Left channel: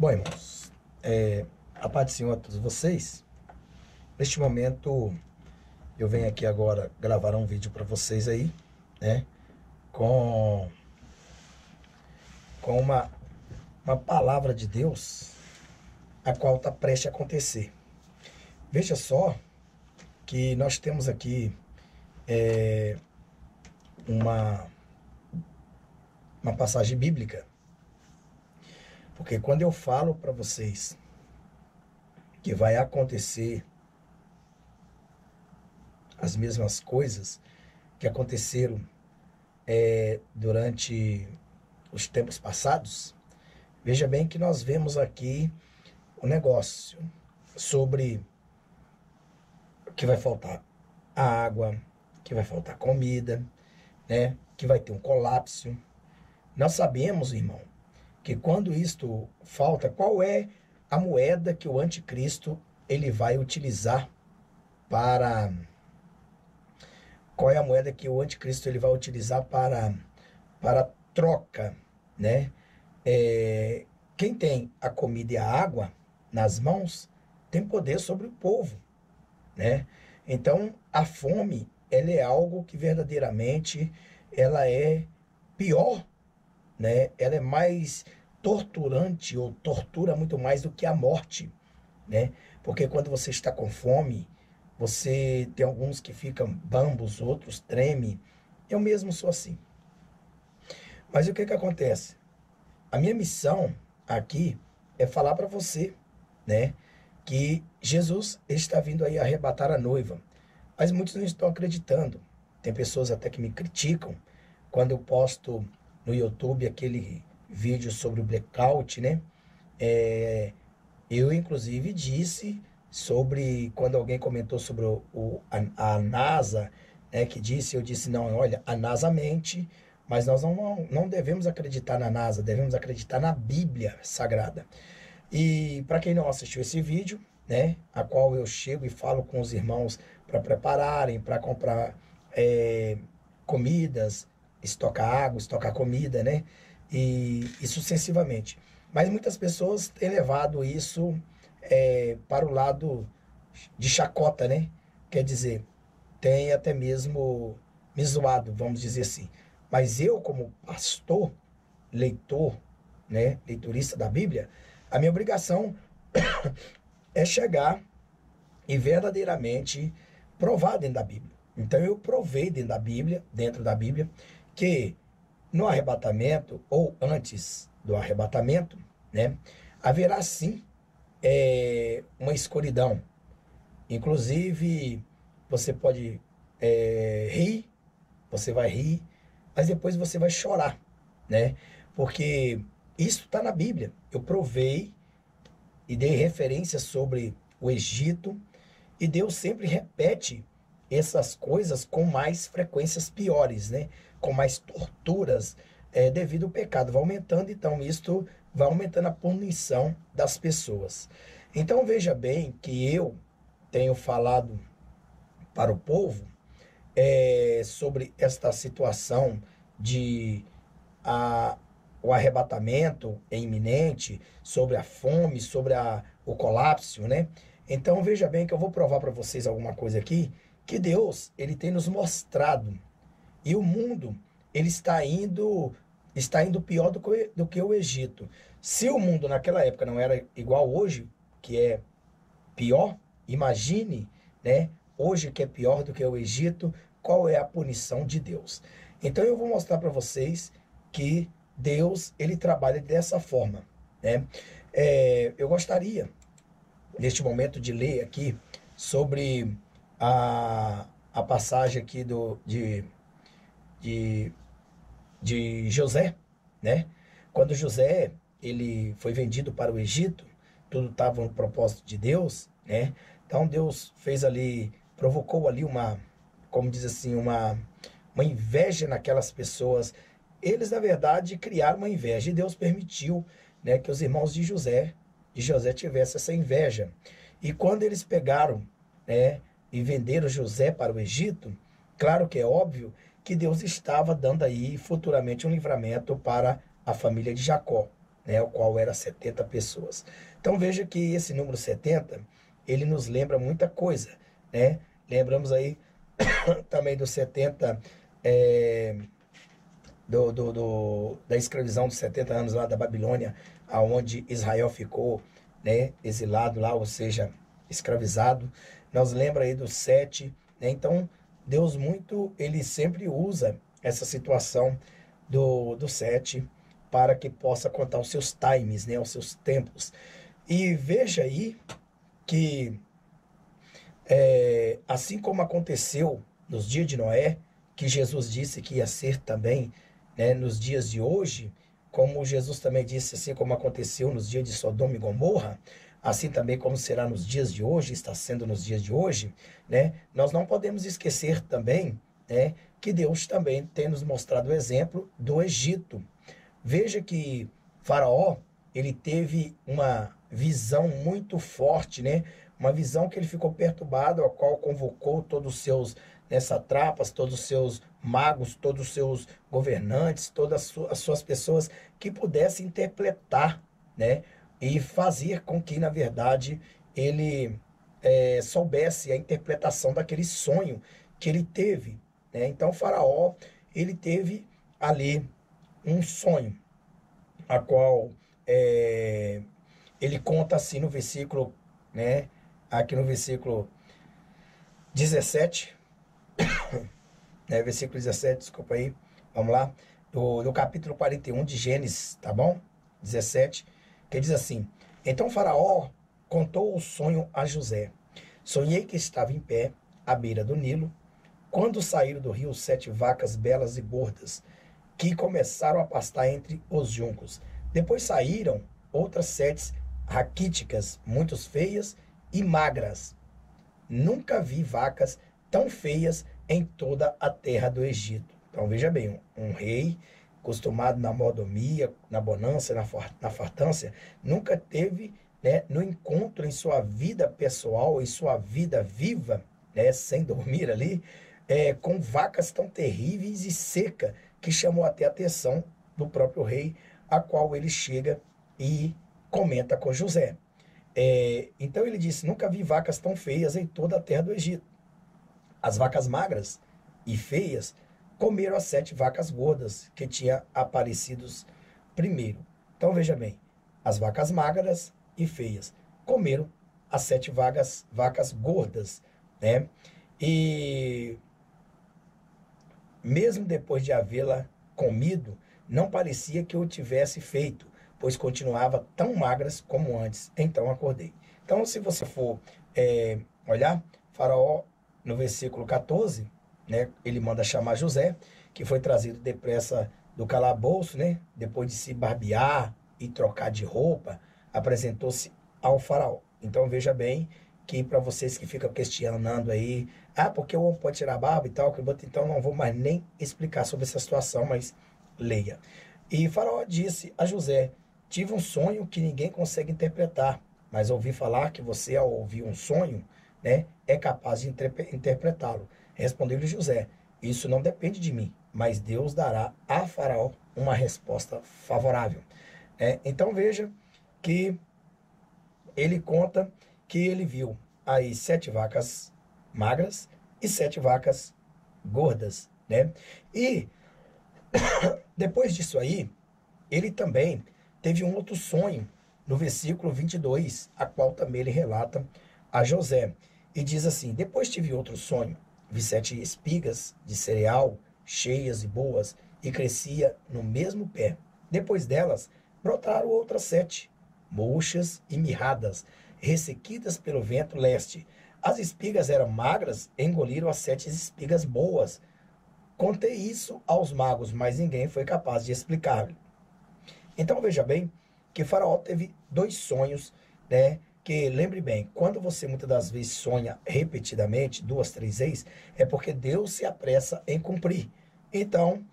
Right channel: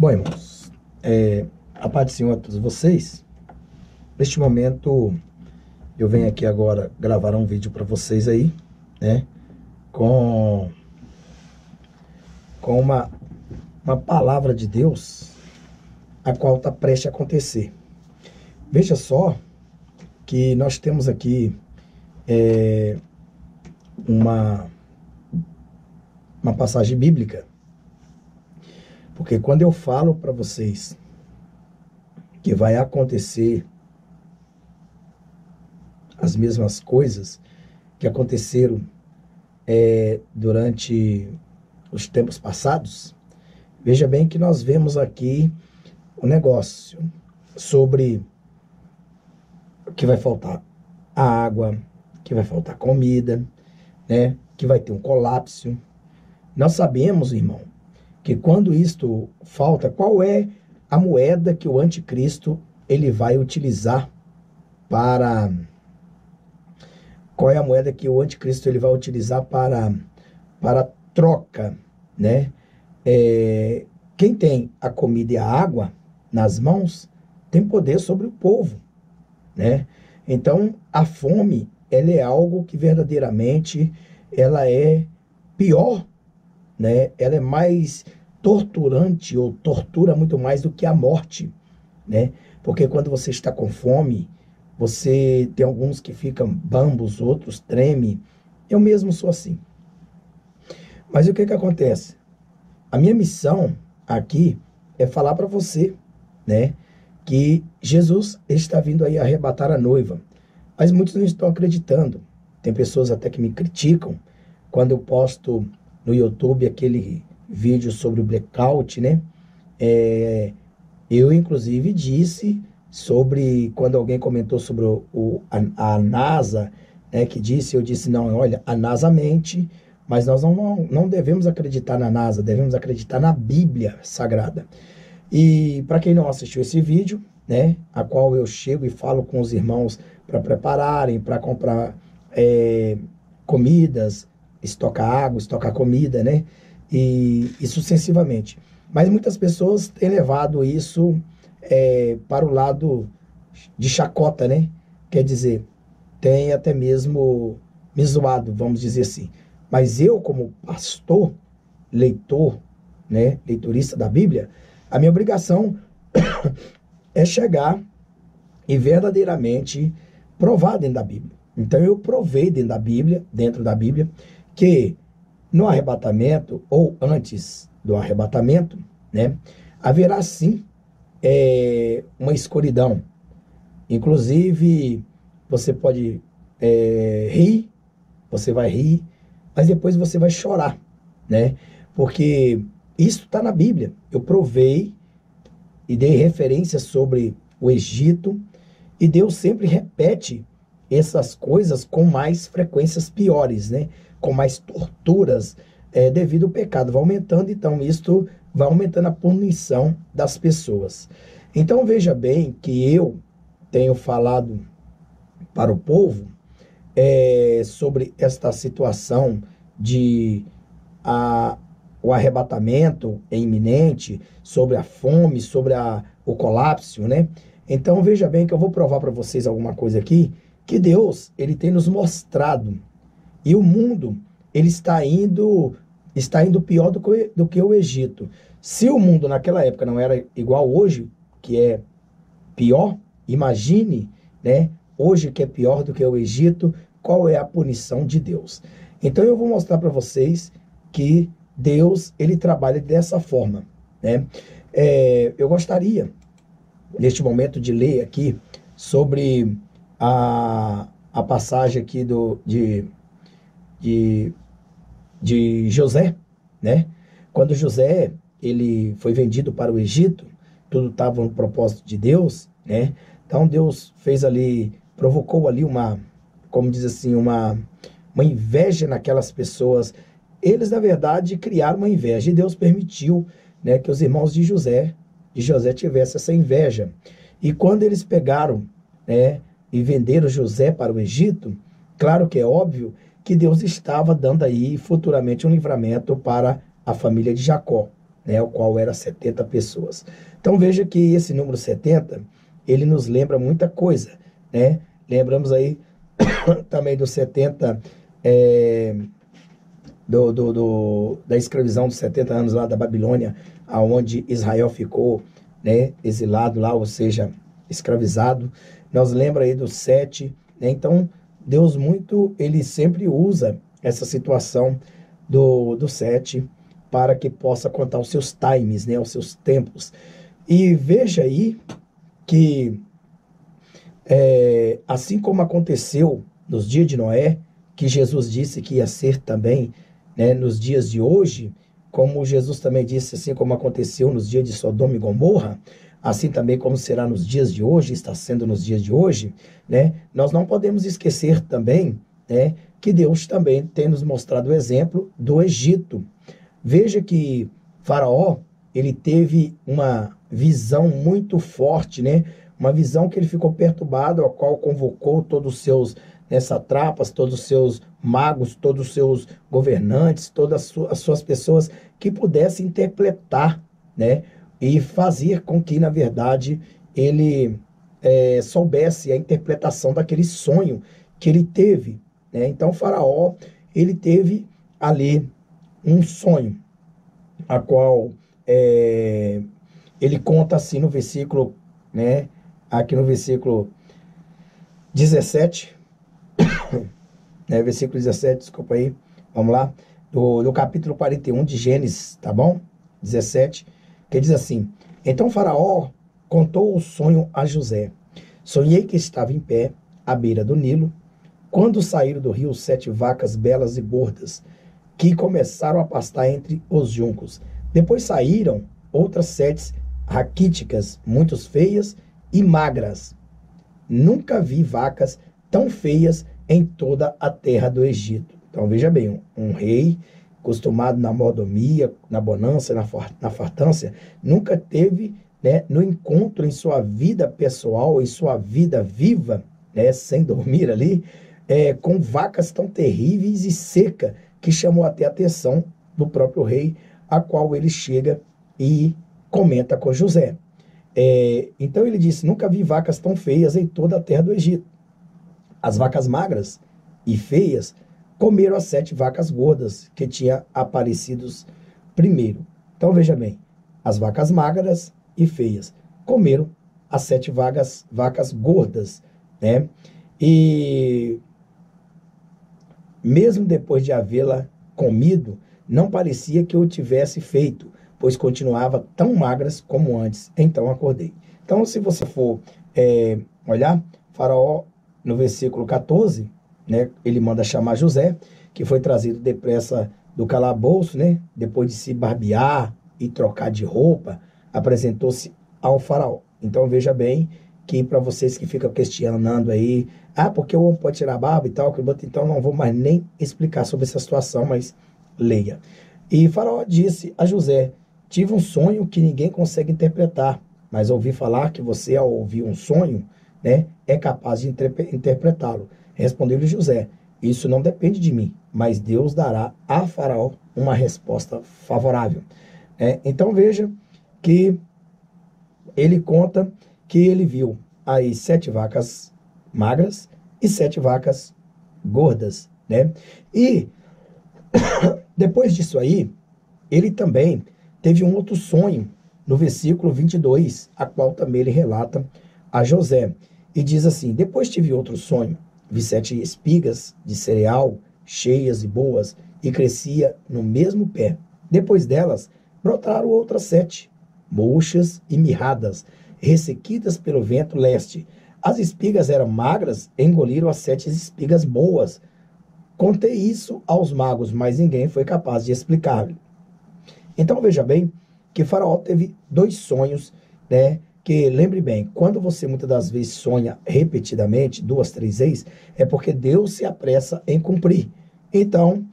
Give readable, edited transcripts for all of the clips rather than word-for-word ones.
Bom, irmãos, a paz do Senhor a todos vocês. Neste momento, eu venho aqui agora gravar um vídeo para vocês aí, né? Com uma palavra de Deus, a qual está prestes a acontecer. Veja só que nós temos aqui uma passagem bíblica. Porque quando eu falo para vocês que vai acontecer as mesmas coisas que aconteceram durante os tempos passados, veja bem que nós vemos aqui um negócio sobre que vai faltar a água, que vai faltar comida, né? Que vai ter um colapso. Nós sabemos, irmão, que quando isto falta, qual é a moeda que o anticristo ele vai utilizar para... Qual é a moeda que o anticristo ele vai utilizar para troca, né? Quem tem a comida e a água nas mãos tem poder sobre o povo, né? Então, a fome, ela é algo que verdadeiramente ela é pior, né? Ela é mais torturante ou tortura muito mais do que a morte, né? Porque quando você está com fome, você tem alguns que ficam bambos, outros tremem. Eu mesmo sou assim. Mas o que que acontece? A minha missão aqui é falar para você, né, que Jesus está vindo aí arrebatar a noiva. Mas muitos não estão acreditando. Tem pessoas até que me criticam quando eu posto no YouTube aquele vídeo sobre o blackout, né? Eu, inclusive, disse sobre, quando alguém comentou sobre a NASA, né, que disse, eu disse, não, olha, a NASA mente, mas nós não devemos acreditar na NASA, devemos acreditar na Bíblia Sagrada. E para quem não assistiu esse vídeo, né, a qual eu chego e falo com os irmãos para prepararem, para comprar comidas, estocar água, estocar comida, né? E sucessivamente. Mas muitas pessoas têm levado isso para o lado de chacota, né? Quer dizer, tem até mesmo me zoado, vamos dizer assim. Mas eu, como pastor, leitor, né, leitorista da Bíblia, a minha obrigação é chegar e verdadeiramente provar dentro da Bíblia. Então eu provei dentro da Bíblia, que no arrebatamento, ou antes do arrebatamento, né, haverá sim uma escuridão. Inclusive, você pode rir, você vai rir, mas depois você vai chorar, né? Porque isso está na Bíblia. Eu provei e dei referência sobre o Egito, e Deus sempre repete essas coisas com mais frequências piores, né? Com mais torturas, devido ao pecado. Vai aumentando, então, isto vai aumentando a punição das pessoas. Então, veja bem que eu tenho falado para o povo sobre esta situação de o arrebatamento é iminente, sobre a fome, sobre o colapso, né? Então, veja bem que eu vou provar para vocês alguma coisa aqui, que Deus, ele tem nos mostrado. E o mundo, ele está indo pior do que o Egito. Se o mundo naquela época não era igual hoje, que é pior, imagine, né? Hoje que é pior do que o Egito, qual é a punição de Deus? Então eu vou mostrar para vocês que Deus, ele trabalha dessa forma, né? Eu gostaria, neste momento, de ler aqui sobre a passagem aqui de José, né? Quando José, ele foi vendido para o Egito, tudo estava no propósito de Deus, né? Então Deus fez ali, provocou ali como diz assim, uma inveja naquelas pessoas. Eles, na verdade, criaram uma inveja, e Deus permitiu, né, que os irmãos de José tivessem essa inveja. E quando eles pegaram, né, e venderam José para o Egito, claro que é óbvio que Deus estava dando aí futuramente um livramento para a família de Jacó, né, o qual era 70 pessoas. Então veja que esse número 70, ele nos lembra muita coisa, né? Lembramos aí também dos 70, da escravidão dos 70 anos lá da Babilônia, aonde Israel ficou, né, exilado lá, ou seja, escravizado. Nós lembra aí dos 7, né? Então, Deus ele sempre usa essa situação do 7 para que possa contar os seus times, né, os seus tempos. E veja aí que, assim como aconteceu nos dias de Noé, que Jesus disse que ia ser também, né, nos dias de hoje, como Jesus também disse, assim como aconteceu nos dias de Sodoma e Gomorra, assim também como será nos dias de hoje, está sendo nos dias de hoje, né? Nós não podemos esquecer também, né, que Deus também tem nos mostrado o exemplo do Egito. Veja que Faraó, ele teve uma visão muito forte, né? Uma visão que ele ficou perturbado, a qual convocou todos os seus, né, satrapas, todos os seus magos, todos os seus governantes, todas as suas pessoas que pudessem interpretar, né? E fazer com que, na verdade, ele soubesse a interpretação daquele sonho que ele teve, né? Então, Faraó, ele teve ali um sonho, a qual ele conta assim no versículo, né? Aqui no versículo 17, né? Versículo 17, desculpa aí, vamos lá, do capítulo 41 de Gênesis, tá bom? 17, que diz assim: Então Faraó contou o sonho a José. Sonhei que estava em pé, à beira do Nilo, quando saíram do rio 7 vacas belas e gordas, que começaram a pastar entre os juncos. Depois saíram outras 7 raquíticas, muito feias e magras. Nunca vi vacas tão feias em toda a terra do Egito. Então veja bem, um rei acostumado na mordomia, na bonança, na fartância, nunca teve, né, no encontro em sua vida pessoal, em sua vida viva, né, sem dormir ali, com vacas tão terríveis e secas, que chamou até a atenção do próprio rei, a qual ele chega e comenta com José. Então ele disse: nunca vi vacas tão feias em toda a terra do Egito. As vacas magras e feias comeram as 7 vacas gordas que tinham aparecido primeiro. Então veja bem, as vacas magras e feias comeram as 7 vacas gordas, né? E mesmo depois de havê-la comido, não parecia que eu tivesse feito, pois continuava tão magras como antes. Então acordei. Então, se você for olhar, Faraó, no versículo 14, né, ele manda chamar José, que foi trazido depressa do calabouço, né, depois de se barbear e trocar de roupa, apresentou-se ao Faraó. Então, veja bem que para vocês que ficam questionando aí, porque o homem pode tirar a barba e tal, então não vou mais nem explicar sobre essa situação, mas leia. E Faraó disse a José: tive um sonho que ninguém consegue interpretar, mas ouvi falar que você, ao ouvir um sonho, né, é capaz de interpretá-lo. Respondeu-lhe José: isso não depende de mim, mas Deus dará a Faraó uma resposta favorável. Então veja que ele conta que ele viu aí 7 vacas magras e 7 vacas gordas, né? E depois disso aí, ele também teve um outro sonho no versículo 22, a qual também ele relata a José. E diz assim: depois tive outro sonho, vi 7 espigas de cereal, cheias e boas, e crescia no mesmo pé. Depois delas, brotaram outras 7, murchas e mirradas, ressequidas pelo vento leste. As espigas eram magras, engoliram as 7 espigas boas. Contei isso aos magos, mas ninguém foi capaz de explicar. Então veja bem que Faraó teve 2 sonhos, né? Que lembre bem, quando você muitas das vezes sonha repetidamente, 2, 3 vezes, é porque Deus se apressa em cumprir. Então,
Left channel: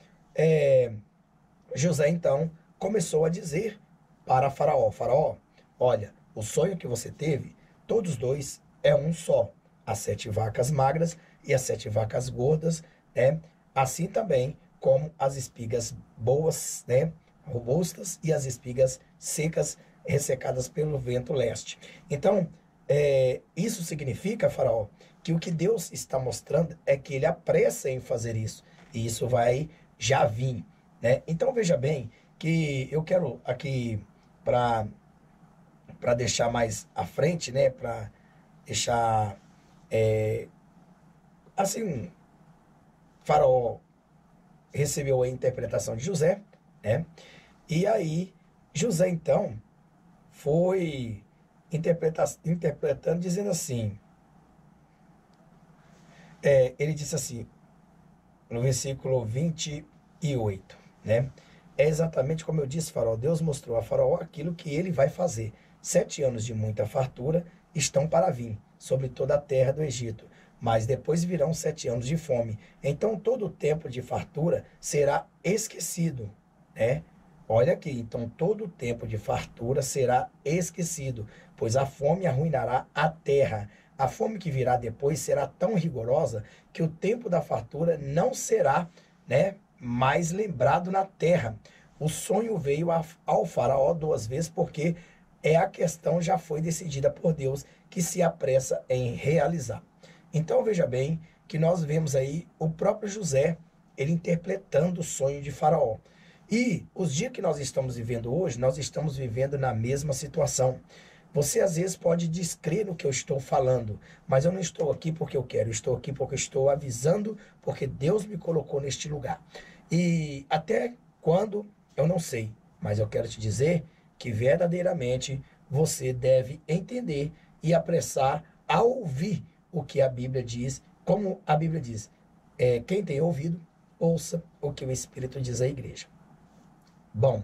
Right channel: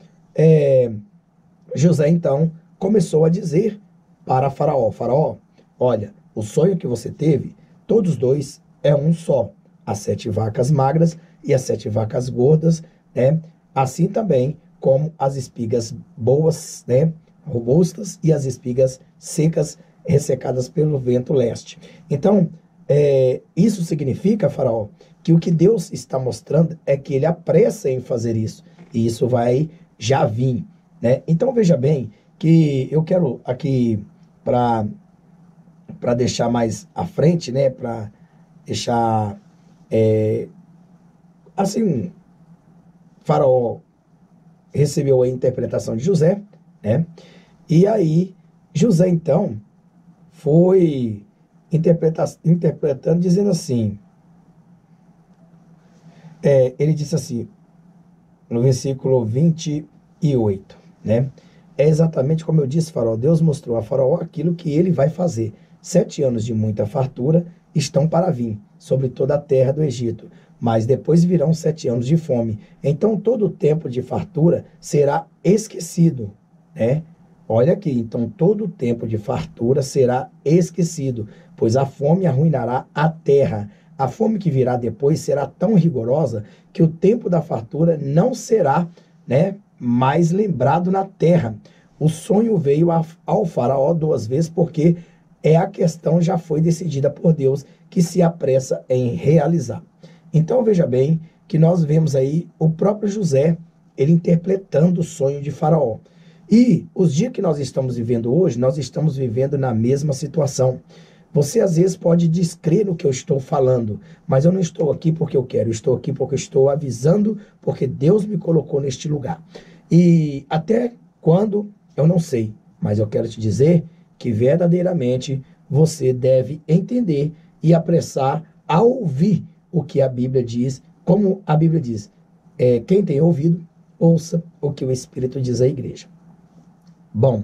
José então começou a dizer para Faraó: Faraó, olha, o sonho que você teve, todos 2 é um só. As 7 vacas magras e as 7 vacas gordas, né? Assim também como as espigas boas, né? robustas e as espigas secas, ressecadas pelo vento leste. Então, isso significa, Faraó, que o que Deus está mostrando é que ele apressa em fazer isso. E isso vai já vir, né? Então, veja bem que eu quero aqui, para deixar mais à frente, né? Para deixar, assim, Faraó recebeu a interpretação de José, né? E aí, José, então, foi interpretando, dizendo assim, ele disse assim, no versículo 28, né? É exatamente como eu disse, Faraó, Deus mostrou a Faraó aquilo que ele vai fazer. 7 anos de muita fartura estão para vir sobre toda a terra do Egito, mas depois virão 7 anos de fome. Então todo o tempo de fartura será esquecido, né? Olha aqui, então todo o tempo de fartura será esquecido, pois a fome arruinará a terra. A fome que virá depois será tão rigorosa que o tempo da fartura não será, né, mais lembrado na terra. O sonho veio ao Faraó 2 vezes, porque a questão já foi decidida por Deus, que se apressa em realizar. Então veja bem que nós vemos aí o próprio José, ele interpretando o sonho de Faraó. E os dias que nós estamos vivendo hoje, nós estamos vivendo na mesma situação. Você às vezes pode descrer no que eu estou falando, mas eu não estou aqui porque eu quero, eu estou aqui porque eu estou avisando, porque Deus me colocou neste lugar. E até quando, eu não sei, mas eu quero te dizer que verdadeiramente você deve entender e apressar a ouvir o que a Bíblia diz, como a Bíblia diz. Quem tem ouvido, ouça o que o Espírito diz à igreja. Bom,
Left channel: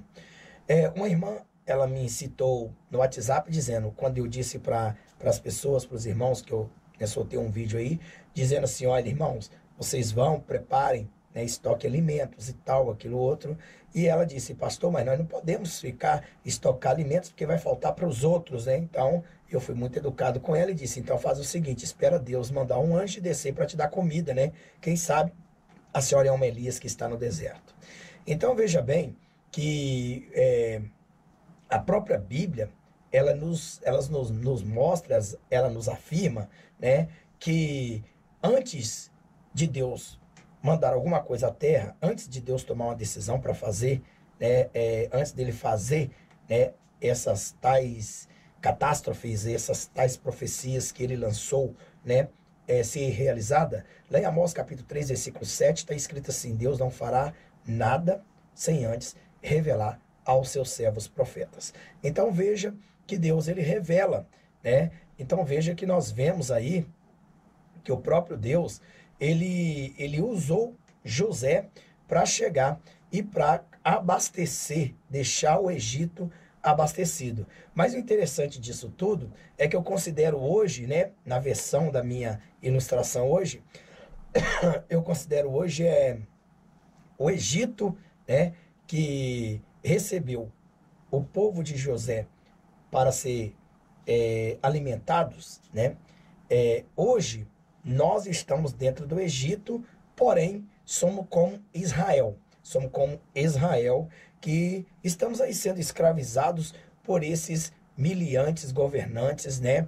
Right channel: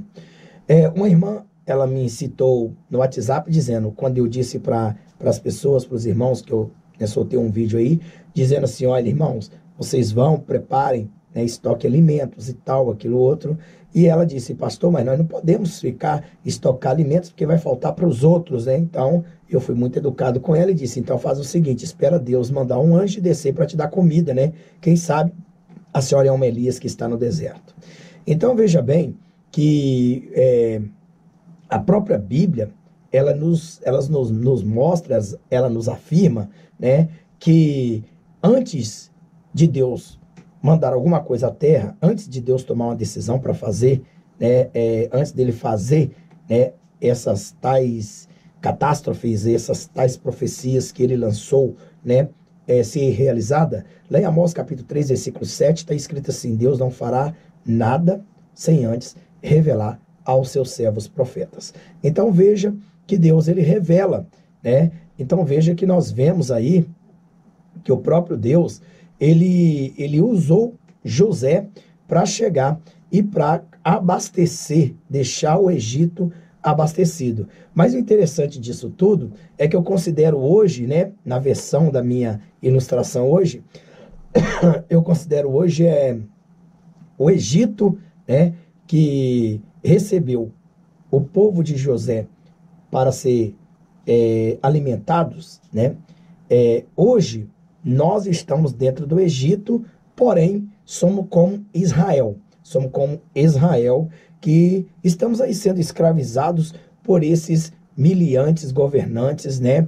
uma irmã, ela me citou no WhatsApp dizendo, quando eu disse para as pessoas, para os irmãos, que eu soltei um vídeo aí, dizendo assim, olha, irmãos, vocês vão, preparem, né, estoque alimentos e tal, aquilo outro. E ela disse, pastor, mas nós não podemos ficar, estocar alimentos, porque vai faltar para os outros, né? Então, eu fui muito educado com ela e disse, então faz o seguinte, espera Deus mandar um anjo descer para te dar comida, né? Quem sabe a senhora é uma Elias que está no deserto. Então, veja bem que a própria Bíblia, ela nos mostra, ela nos afirma, né, que antes de Deus mandar alguma coisa à terra, antes de Deus tomar uma decisão para fazer, né, antes dele fazer, né, essas tais catástrofes, essas tais profecias que ele lançou, né, ser realizada, lá em Amós capítulo 3, versículo 7, está escrito assim, Deus não fará nada sem antes revelar aos seus servos profetas. Então veja que Deus, ele revela, né? Então veja que nós vemos aí que o próprio Deus, ele usou José para chegar e para abastecer, deixar o Egito abastecido. Mas o interessante disso tudo é que eu considero hoje, né, na versão da minha ilustração hoje, eu considero hoje o Egito, né, que recebeu o povo de José para ser alimentados, né? Hoje nós estamos dentro do Egito, porém somos como Israel. Somos como Israel, que estamos aí sendo escravizados por esses miliantes, governantes, né?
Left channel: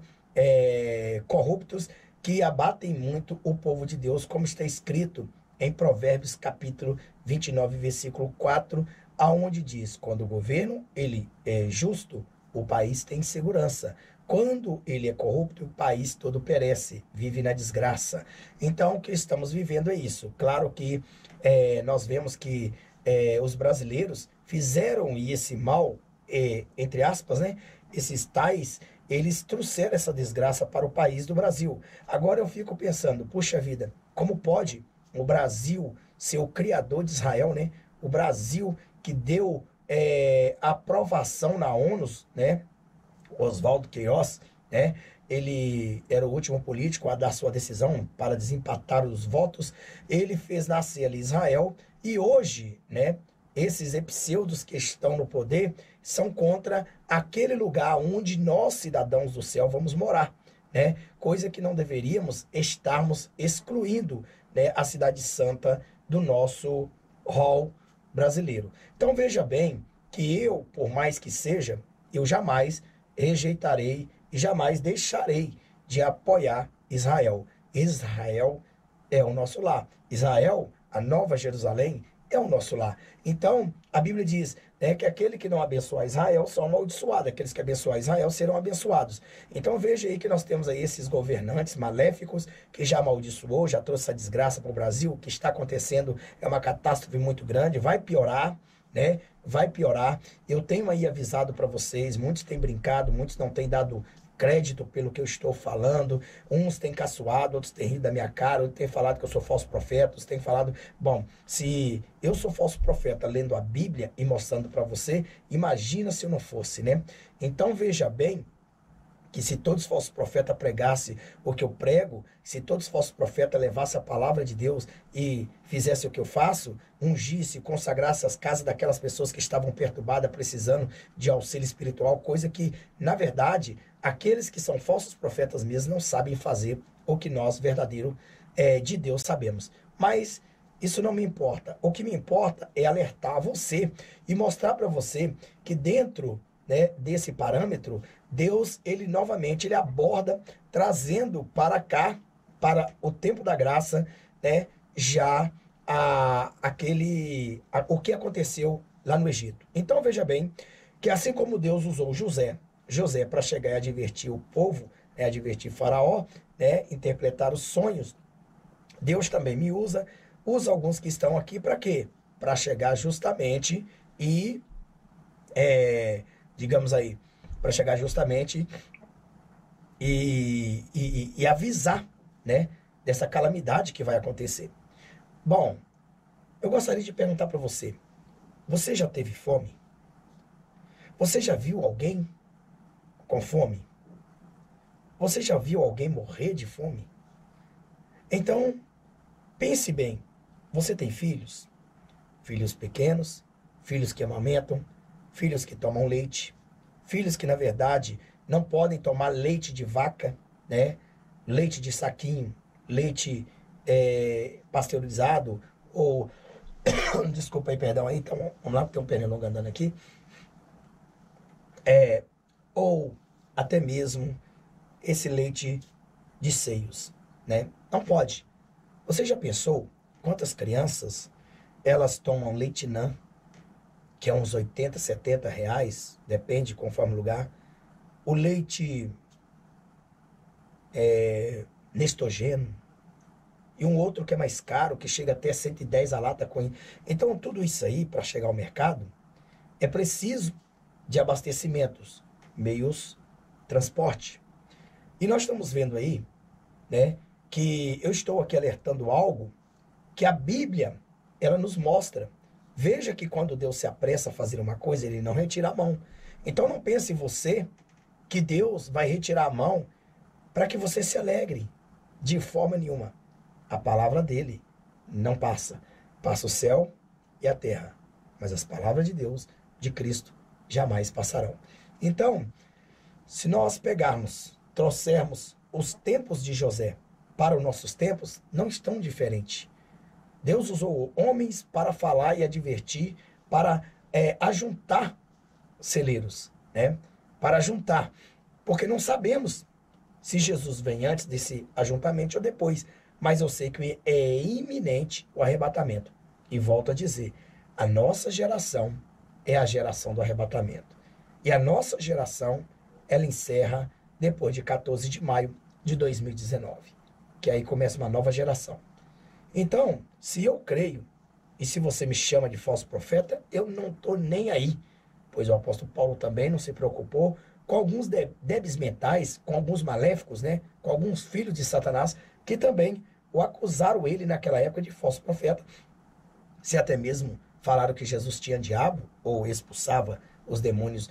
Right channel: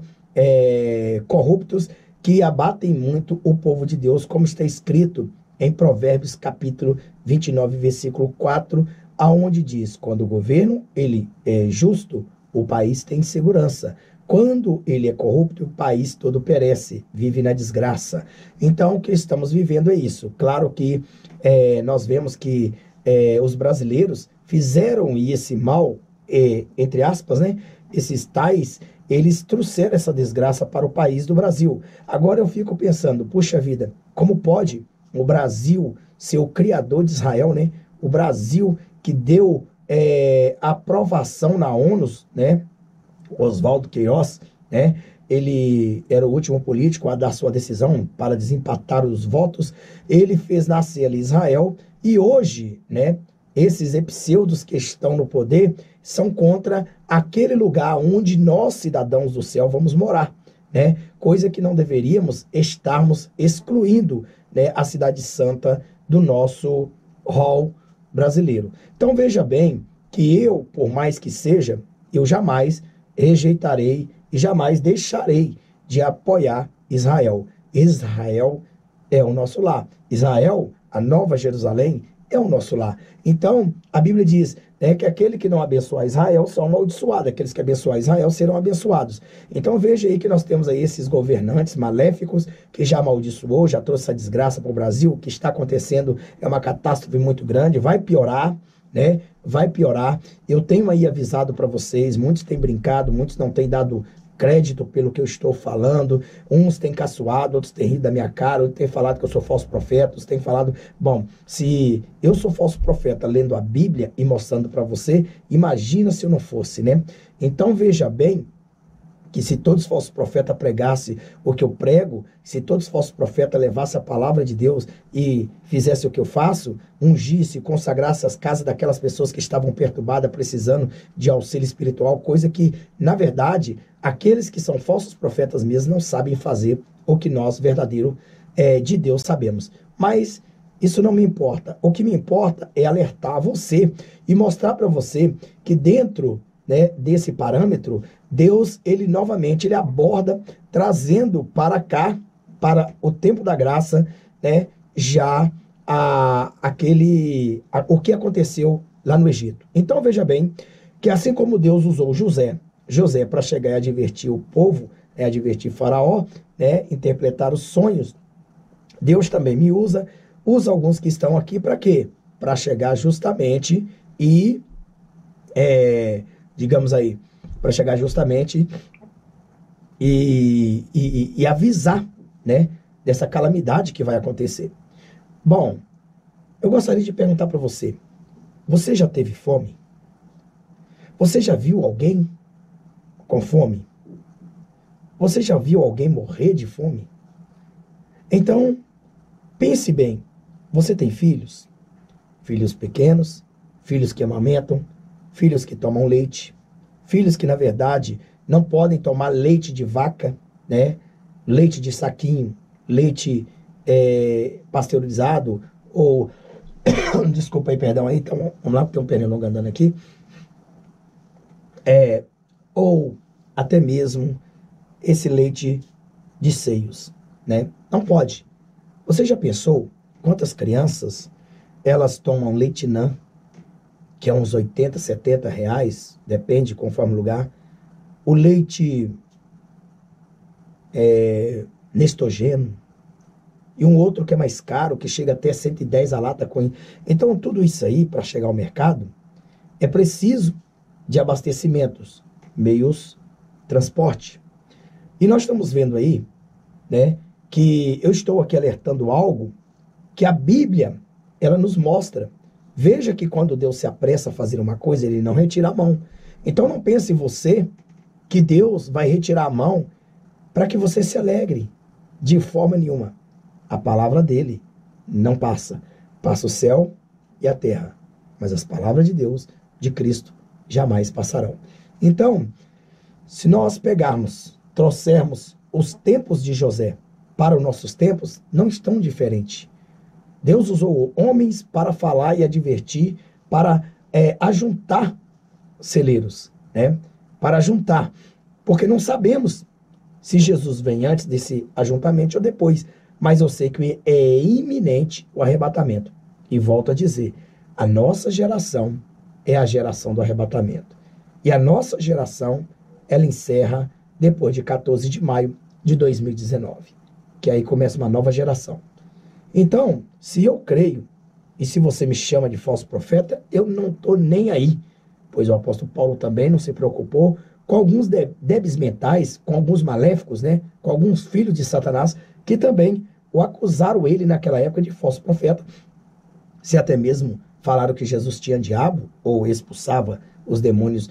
Corruptos, que abatem muito o povo de Deus, como está escrito em Provérbios capítulo 29, versículo 4, aonde diz, quando o governo ele é justo, o país tem segurança. Quando ele é corrupto, o país todo perece, vive na desgraça. Então, o que estamos vivendo é isso. Claro que nós vemos que os brasileiros fizeram esse mal, entre aspas, né? Esses tais, eles trouxeram essa desgraça para o país do Brasil. Agora eu fico pensando, puxa vida, como pode o Brasil ser o criador de Israel, né? O Brasil que deu a aprovação na ONU, né? Oswaldo Queiroz, né? Ele era o último político a dar sua decisão para desempatar os votos. Ele fez nascer ali Israel e hoje, né? Esses pseudos que estão no poder são contra aquele lugar onde nós, cidadãos do céu, vamos morar, né? Coisa que não deveríamos estarmos excluindo, né, a cidade santa do nosso rol brasileiro. Então veja bem que eu, por mais que seja, eu jamais rejeitarei e jamais deixarei de apoiar Israel. Israel é o nosso lar. Israel, a Nova Jerusalém, é o nosso lar. Então, a Bíblia diz, né, que aquele que não abençoar Israel são amaldiçoados, aqueles que abençoar Israel serão abençoados. Então, veja aí que nós temos aí esses governantes maléficos que já amaldiçoou, já trouxe essa desgraça para o Brasil. O que está acontecendo é uma catástrofe muito grande, vai piorar, né? Vai piorar. Eu tenho aí avisado para vocês, muitos têm brincado, muitos não têm dado crédito pelo que eu estou falando, uns têm caçoado, outros têm rido da minha cara, outros têm falado que eu sou falso profeta, outros têm falado, bom, se eu sou falso profeta lendo a Bíblia e mostrando para você, imagina se eu não fosse, né? Então veja bem que se todos os falsos profetas pregassem o que eu prego, se todos os falsos profetas levassem a palavra de Deus e fizessem o que eu faço, ungisse, consagrasse as casas daquelas pessoas que estavam perturbadas, precisando de auxílio espiritual, coisa que, na verdade, aqueles que são falsos profetas mesmo não sabem fazer o que nós, verdadeiro, de Deus, sabemos. Mas isso não me importa. O que me importa é alertar você e mostrar para você que dentro, né, desse parâmetro, Deus, ele novamente, ele aborda, trazendo para cá, para o tempo da graça, né, já o que aconteceu lá no Egito. Então, veja bem, que assim como Deus usou José para chegar e advertir o povo, né, advertir Faraó, né, interpretar os sonhos, Deus também me usa alguns que estão aqui para quê? Para chegar justamente e, digamos aí, para chegar justamente e avisar, né, dessa calamidade que vai acontecer. Bom, eu gostaria de perguntar para você, você já teve fome? Você já viu alguém com fome? Você já viu alguém morrer de fome? Então, pense bem, você tem filhos? Filhos pequenos, filhos que amamentam, filhos que tomam leite, filhos que, na verdade, não podem tomar leite de vaca, né? Leite de saquinho, leite pasteurizado, ou... Desculpa aí, perdão aí, então, vamos lá, porque tem um pernilongo andando aqui. Ou até mesmo esse leite de seios, né? Não pode. Você já pensou quantas crianças, elas tomam leitinã, que é uns 80, 70 reais, depende, conforme o lugar. O leite Nestogeno, e um outro que é mais caro, que chega até 110 a lata. Então, tudo isso aí, para chegar ao mercado, é preciso de abastecimentos, meios, transporte. E nós estamos vendo aí, né, que eu estou aqui alertando algo que a Bíblia, ela nos mostra. Veja que quando Deus se apressa a fazer uma coisa, ele não retira a mão. Então não pense você que Deus vai retirar a mão para que você se alegre. De forma nenhuma. A palavra dele não passa. Passa o céu e a terra. Mas as palavras de Deus, de Cristo, jamais passarão. Então, se nós trouxermos os tempos de José para os nossos tempos, não estão diferentes. Deus usou homens para falar e advertir, para ajuntar celeiros, né? Para ajuntar, porque não sabemos se Jesus vem antes desse ajuntamento ou depois, mas eu sei que é iminente o arrebatamento. E volto a dizer, a nossa geração é a geração do arrebatamento. E a nossa geração, ela encerra depois de 14 de maio de 2019, que aí começa uma nova geração. Então, se eu creio, e se você me chama de falso profeta, eu não estou nem aí, pois o apóstolo Paulo também não se preocupou com alguns débeis mentais, com alguns maléficos, né? Com alguns filhos de Satanás, que também o acusaram ele naquela época de falso profeta. Se até mesmo falaram que Jesus tinha diabo, ou expulsava os demônios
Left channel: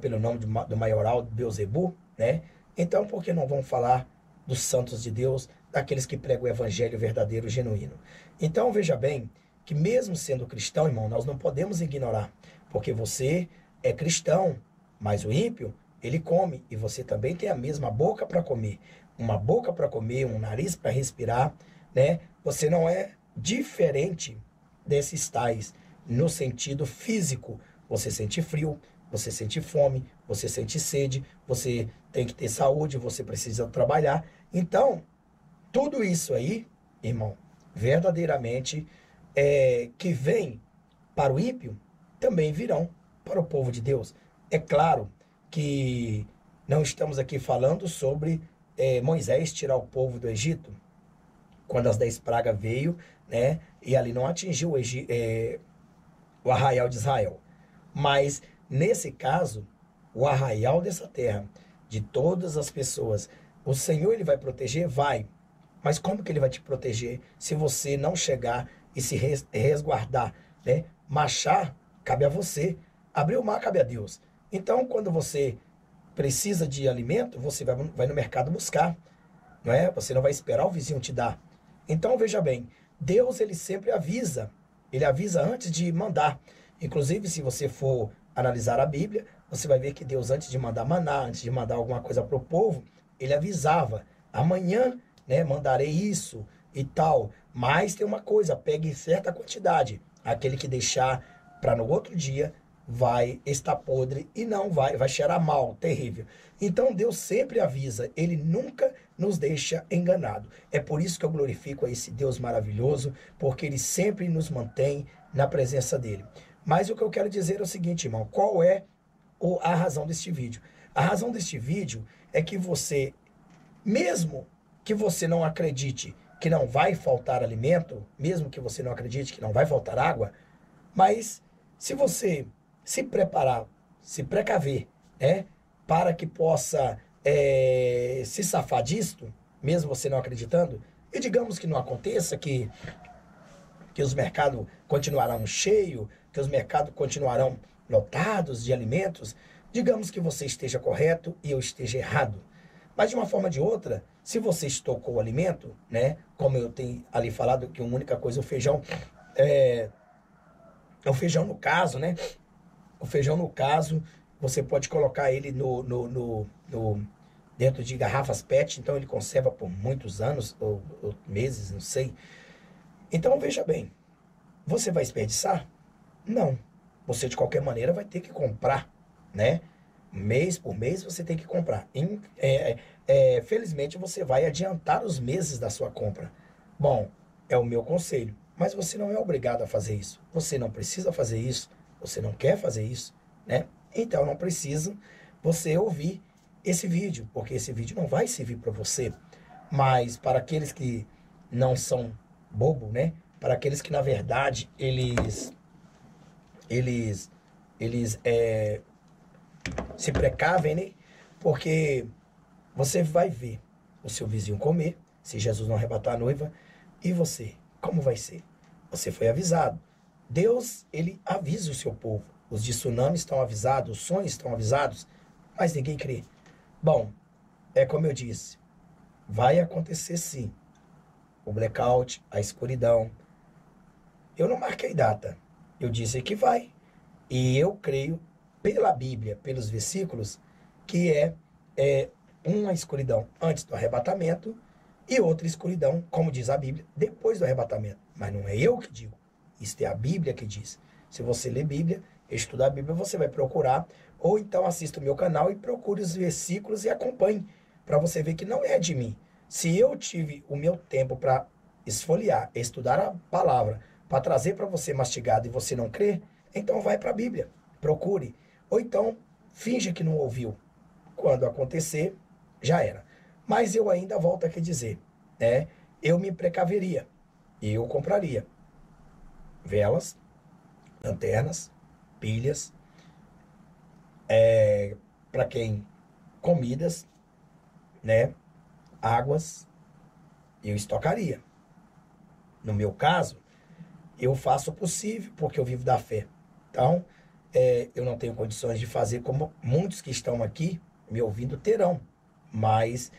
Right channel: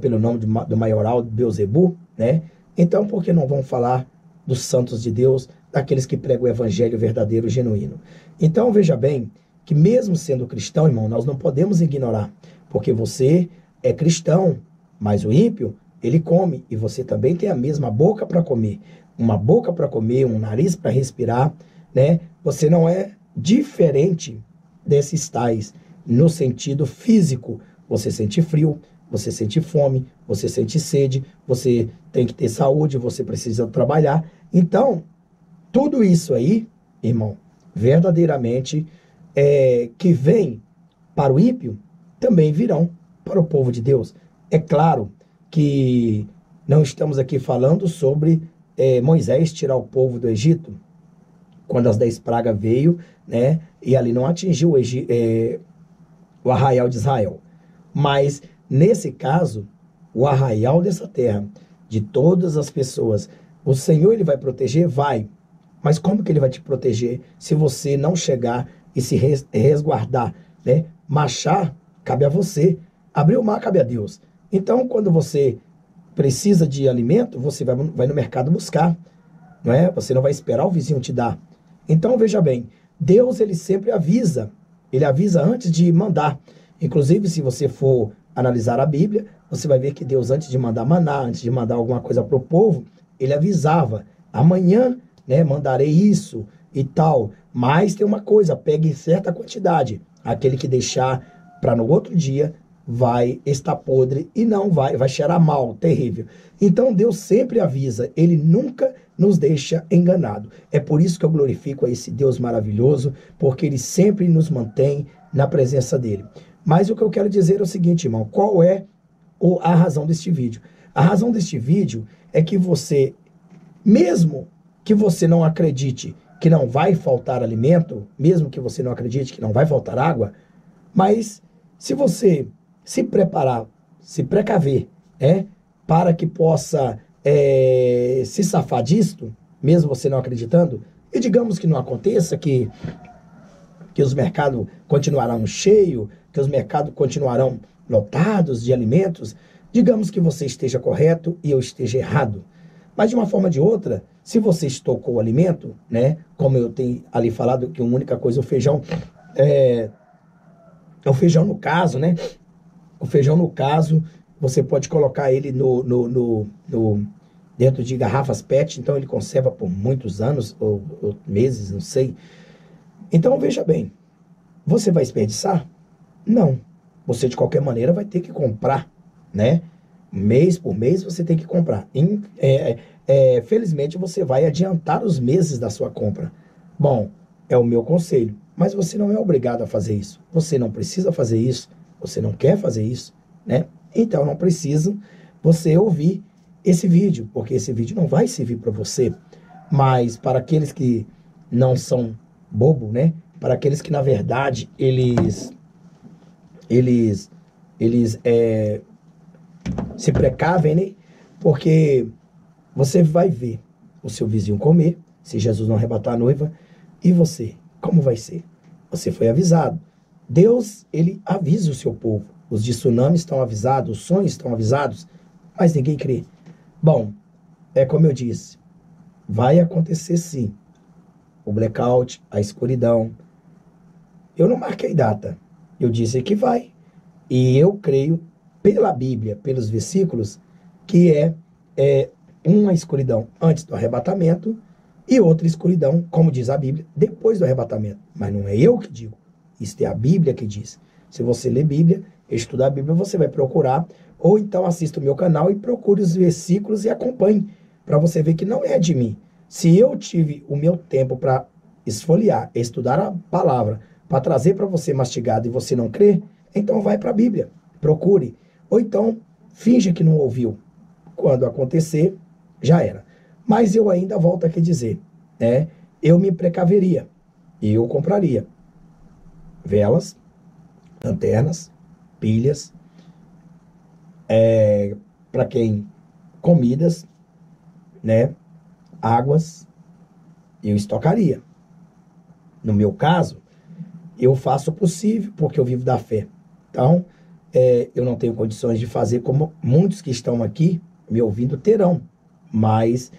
pelo nome do maioral Beelzebu, né? Então, por que não vão falar dos santos de Deus, daqueles que pregam o evangelho verdadeiro, genuíno? Então, veja bem, que mesmo sendo cristão, irmão, nós não podemos ignorar, porque você é cristão, mas o ímpio, ele come, e você também tem a mesma boca para comer, uma boca para comer, um nariz para respirar, né? Você não é diferente desses tais, no sentido físico, você sente frio, você sente fome, você sente sede, você tem que ter saúde, você precisa trabalhar. Então, tudo isso aí, irmão, verdadeiramente, que vem para o ímpio, também virão para o povo de Deus. É claro que não estamos aqui falando sobre Moisés tirar o povo do Egito, quando as 10 pragas veio, né, e ali não atingiu o arraial de Israel. Mas, nesse caso, o arraial dessa terra, de todas as pessoas, o Senhor, ele vai proteger? Vai. Mas como que ele vai te proteger se você não chegar e se resguardar, né? Marchar, cabe a você. Abrir o mar, cabe a Deus. Então, quando você precisa de alimento, você vai no mercado buscar, não é? Você não vai esperar o vizinho te dar. Então, veja bem, Deus, ele sempre avisa. Ele avisa antes de mandar. Inclusive, se você for analisar a Bíblia, você vai ver que Deus, antes de mandar maná, antes de mandar alguma coisa para o povo, ele avisava: amanhã, né, mandarei isso e tal. Mas tem uma coisa, pegue certa quantidade. Aquele que deixar para no outro dia vai estar podre e não vai cheirar mal, terrível. Então Deus sempre avisa, ele nunca nos deixa enganado. É por isso que eu glorifico a esse Deus maravilhoso, porque ele sempre nos mantém na presença dele. Mas o que eu quero dizer é o seguinte, irmão, qual é a razão deste vídeo? A razão deste vídeo é que você, mesmo que você não acredite que não vai faltar alimento, mesmo que você não acredite que não vai faltar água, mas se você se preparar, se precaver, para que possa se safar disto, mesmo você não acreditando, e digamos que não aconteça, que os mercados continuarão cheios, que os mercados continuarão lotados de alimentos, digamos que você esteja correto e eu esteja errado. Mas de uma forma ou de outra, se você estocou o alimento, né, como eu tenho ali falado, que a única coisa, o feijão no caso, né? O feijão, no caso, você pode colocar ele dentro de garrafas PET, então ele conserva por muitos anos, ou meses, não sei. Então, veja bem, você vai desperdiçar? Não. Você, de qualquer maneira, vai ter que comprar, né? Mês por mês, você tem que comprar. Felizmente, você vai adiantar os meses da sua compra. Bom, é o meu conselho. Mas você não é obrigado a fazer isso. Você não precisa fazer isso. Você não quer fazer isso, né? Então, não precisa você ouvir esse vídeo, porque esse vídeo não vai servir para você. Mas para aqueles que não são bobo, né? Para aqueles que, na verdade, eles se precavem, né? Porque você vai ver o seu vizinho comer, se Jesus não arrebatar a noiva, e você, como vai ser? Você foi avisado. Deus, ele avisa o seu povo. Os de tsunami estão avisados, os sonhos estão avisados, mas ninguém crê. Bom, é como eu disse, vai acontecer sim. O blackout, a escuridão. Eu não marquei data. Eu disse que vai. E eu creio, pela Bíblia, pelos versículos, que é uma escuridão antes do arrebatamento e outra escuridão, como diz a Bíblia, depois do arrebatamento. Mas não é eu que digo. Isso é a Bíblia que diz. Se você ler Bíblia, estudar a Bíblia, você vai procurar, ou então assista o meu canal e procure os versículos e acompanhe, para você ver que não é de mim. Se eu tive o meu tempo para esfoliar, estudar a palavra, para trazer para você mastigado e você não crê, então vai para a Bíblia, procure. Ou então, finja que não ouviu. Quando acontecer, já era. Mas eu ainda volto aqui a dizer, né? Eu me precaveria e eu compraria velas, lanternas, pilhas, para quem comidas, né? Águas, eu estocaria. No meu caso, eu faço o possível porque eu vivo da fé. Então, eu não tenho condições de fazer como muitos que estão aqui me ouvindo terão. Mas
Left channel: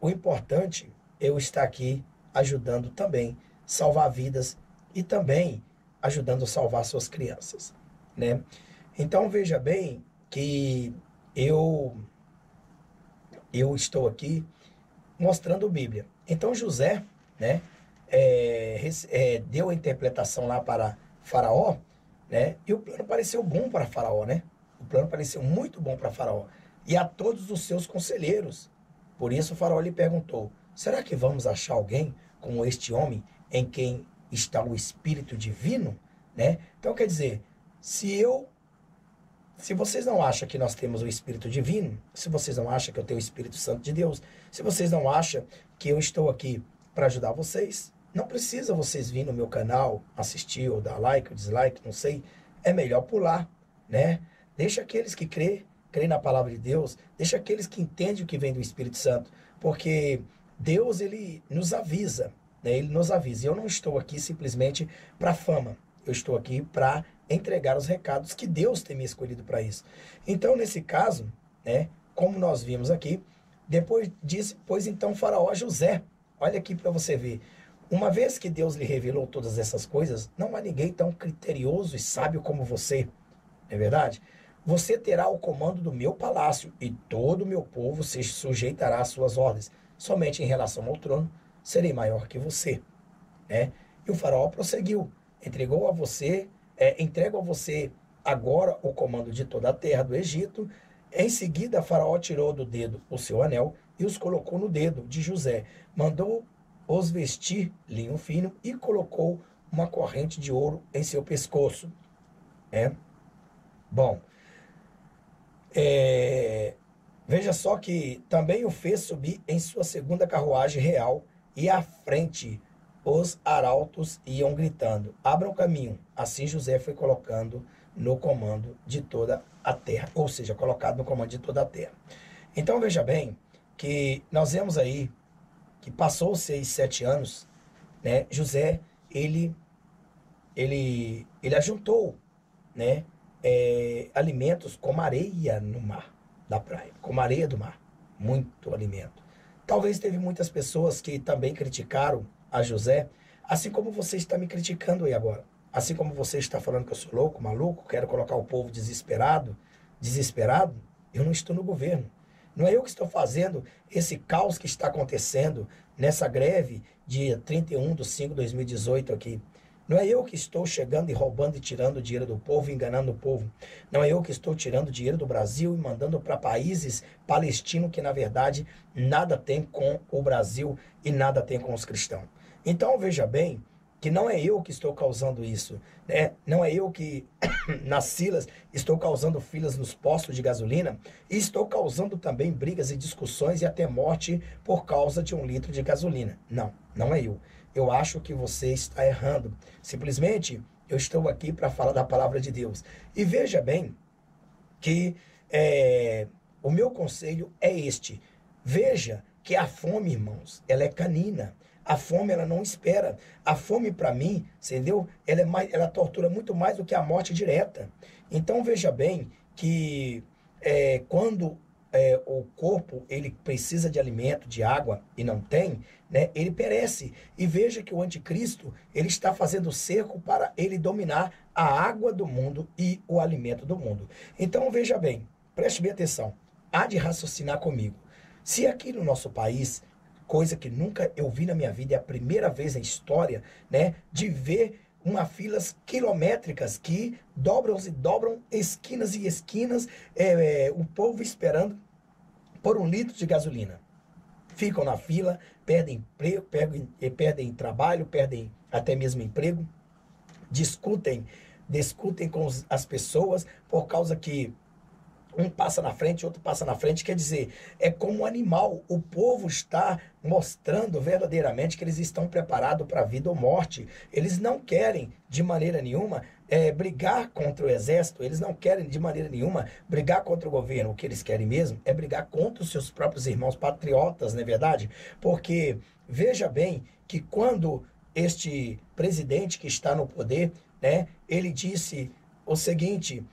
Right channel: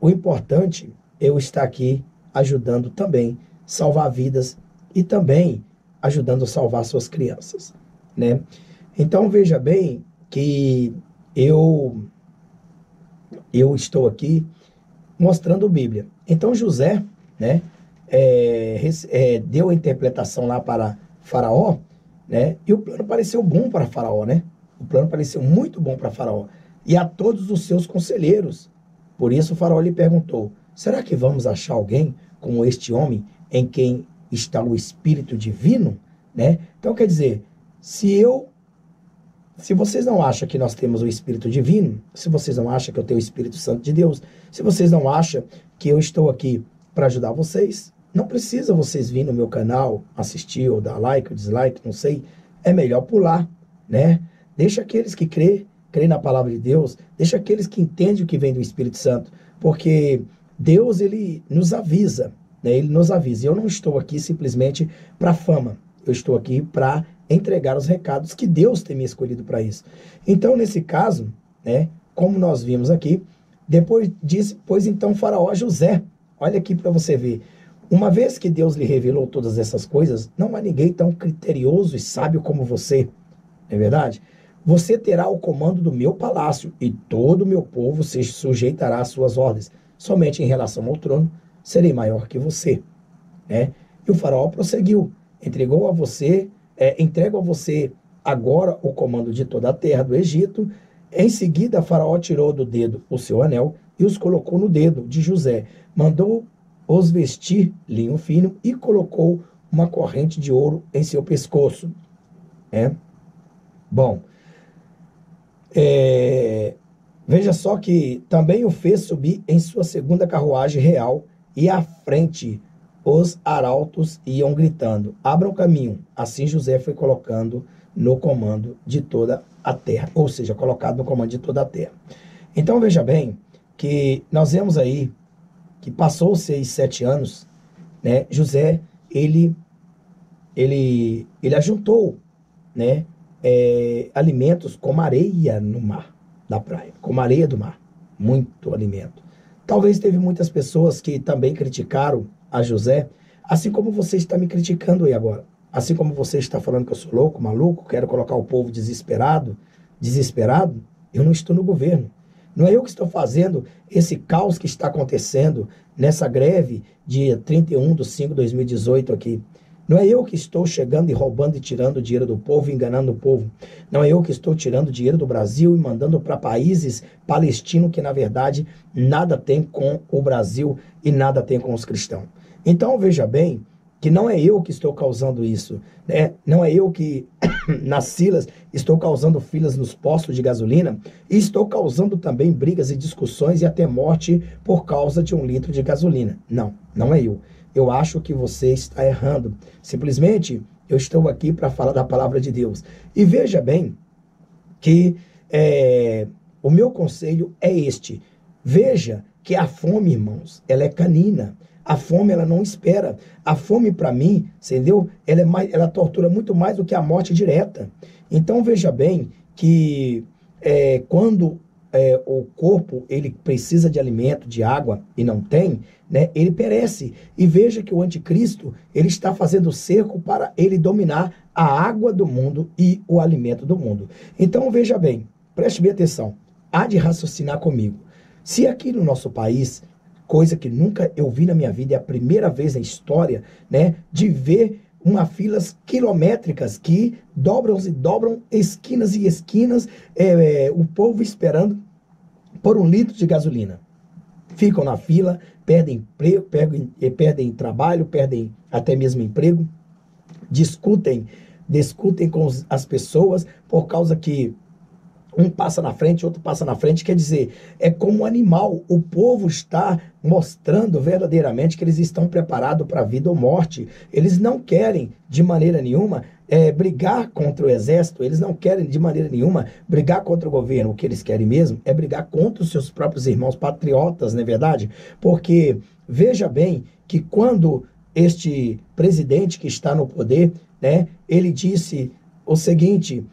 o importante é eu estar aqui ajudando também salvar vidas e também ajudando a salvar suas crianças, né? Então, veja bem que eu estou aqui mostrando a Bíblia. Então, José, né, deu a interpretação lá para Faraó, né? E o plano pareceu bom para Faraó, né? O plano pareceu muito bom para Faraó e a todos os seus conselheiros. Por isso, Faraó lhe perguntou: será que vamos achar alguém como este homem em quem está o Espírito Divino, né? Então, quer dizer, se vocês não acham que nós temos o Espírito Divino, se vocês não acham que eu tenho o Espírito Santo de Deus, se vocês não acham que eu estou aqui para ajudar vocês, não precisa vocês vir no meu canal, assistir ou dar like ou dislike, não sei. É melhor pular, né? Deixa aqueles que crê na palavra de Deus, deixa aqueles que entendem o que vem do Espírito Santo, porque Deus, ele nos avisa, né? Ele nos avisa. E eu não estou aqui simplesmente para fama, eu estou aqui para entregar os recados que Deus tem me escolhido para isso. Então, nesse caso, né, como nós vimos aqui, depois disse, pois então Faraó a José, olha aqui para você ver, uma vez que Deus lhe revelou todas essas coisas, não há ninguém tão criterioso e sábio como você, não é verdade? Você terá o comando do meu palácio e todo o meu povo se sujeitará às suas ordens. Somente em relação ao trono, serei maior que você, né? E o faraó prosseguiu, entrego a você agora o comando de toda a terra do Egito. Em seguida, Faraó tirou do dedo o seu anel e os colocou no dedo de José. Mandou os vestir linho fino e colocou uma corrente de ouro em seu pescoço. Bom, veja só que também o fez subir em sua segunda carruagem real e à frente os arautos iam gritando: abram caminho. Assim José foi colocando no comando de toda a terra, ou seja, colocado no comando de toda a terra. Então veja bem que nós vemos aí que passou-se aí 7 anos, né? José, ele ajuntou, né? Alimentos como areia no mar, da praia, como areia do mar, muito alimento. Talvez teve muitas pessoas que também criticaram a José, assim como você está me criticando aí agora, assim como você está falando que eu sou louco, maluco, quero colocar o povo desesperado, eu não estou no governo. Não é eu que estou fazendo esse caos que está acontecendo nessa greve dia 31/5/2018 aqui. Não é eu que estou chegando e roubando e tirando o dinheiro do povo, enganando o povo. Não é eu que estou tirando dinheiro do Brasil e mandando para países palestinos que, na verdade, nada tem com o Brasil e nada tem com os cristãos. Então, veja bem que não é eu que estou causando isso, né? Não é eu que, nas filas, estou causando filas nos postos de gasolina e estou causando também brigas e discussões e até morte por causa de 1 litro de gasolina. Não, não é eu. Eu acho que você está errando. Simplesmente, eu estou aqui para falar da palavra de Deus. E veja bem que o meu conselho é este. Veja que a fome, irmãos, ela é canina. A fome, ela não espera. A fome, para mim, entendeu? Ela tortura muito mais do que a morte direta. Então, veja bem que quando o corpo ele precisa de alimento, de água, e não tem, né, ele perece. E veja que o anticristo, ele está fazendo cerco para ele dominar a água do mundo e o alimento do mundo. Então, veja bem, preste bem atenção, há de raciocinar comigo. Se aqui no nosso país, coisa que nunca eu vi na minha vida, é a primeira vez na história, né, de ver filas quilométricas que dobram e dobram, esquinas e esquinas, o povo esperando por 1 litro de gasolina. Ficam na fila, perdem emprego, perdem trabalho, perdem até mesmo emprego, discutem com as pessoas por causa que um passa na frente, outro passa na frente. Quer dizer, é como um animal. O povo está mostrando verdadeiramente que eles estão preparados para a vida ou morte. Eles não querem, de maneira nenhuma, brigar contra o exército. Eles não querem, de maneira nenhuma, brigar contra o governo. O que eles querem mesmo é brigar contra os seus próprios irmãos patriotas, não é verdade? Porque, veja bem, que quando este presidente que está no poder, né, ele disse o seguinte,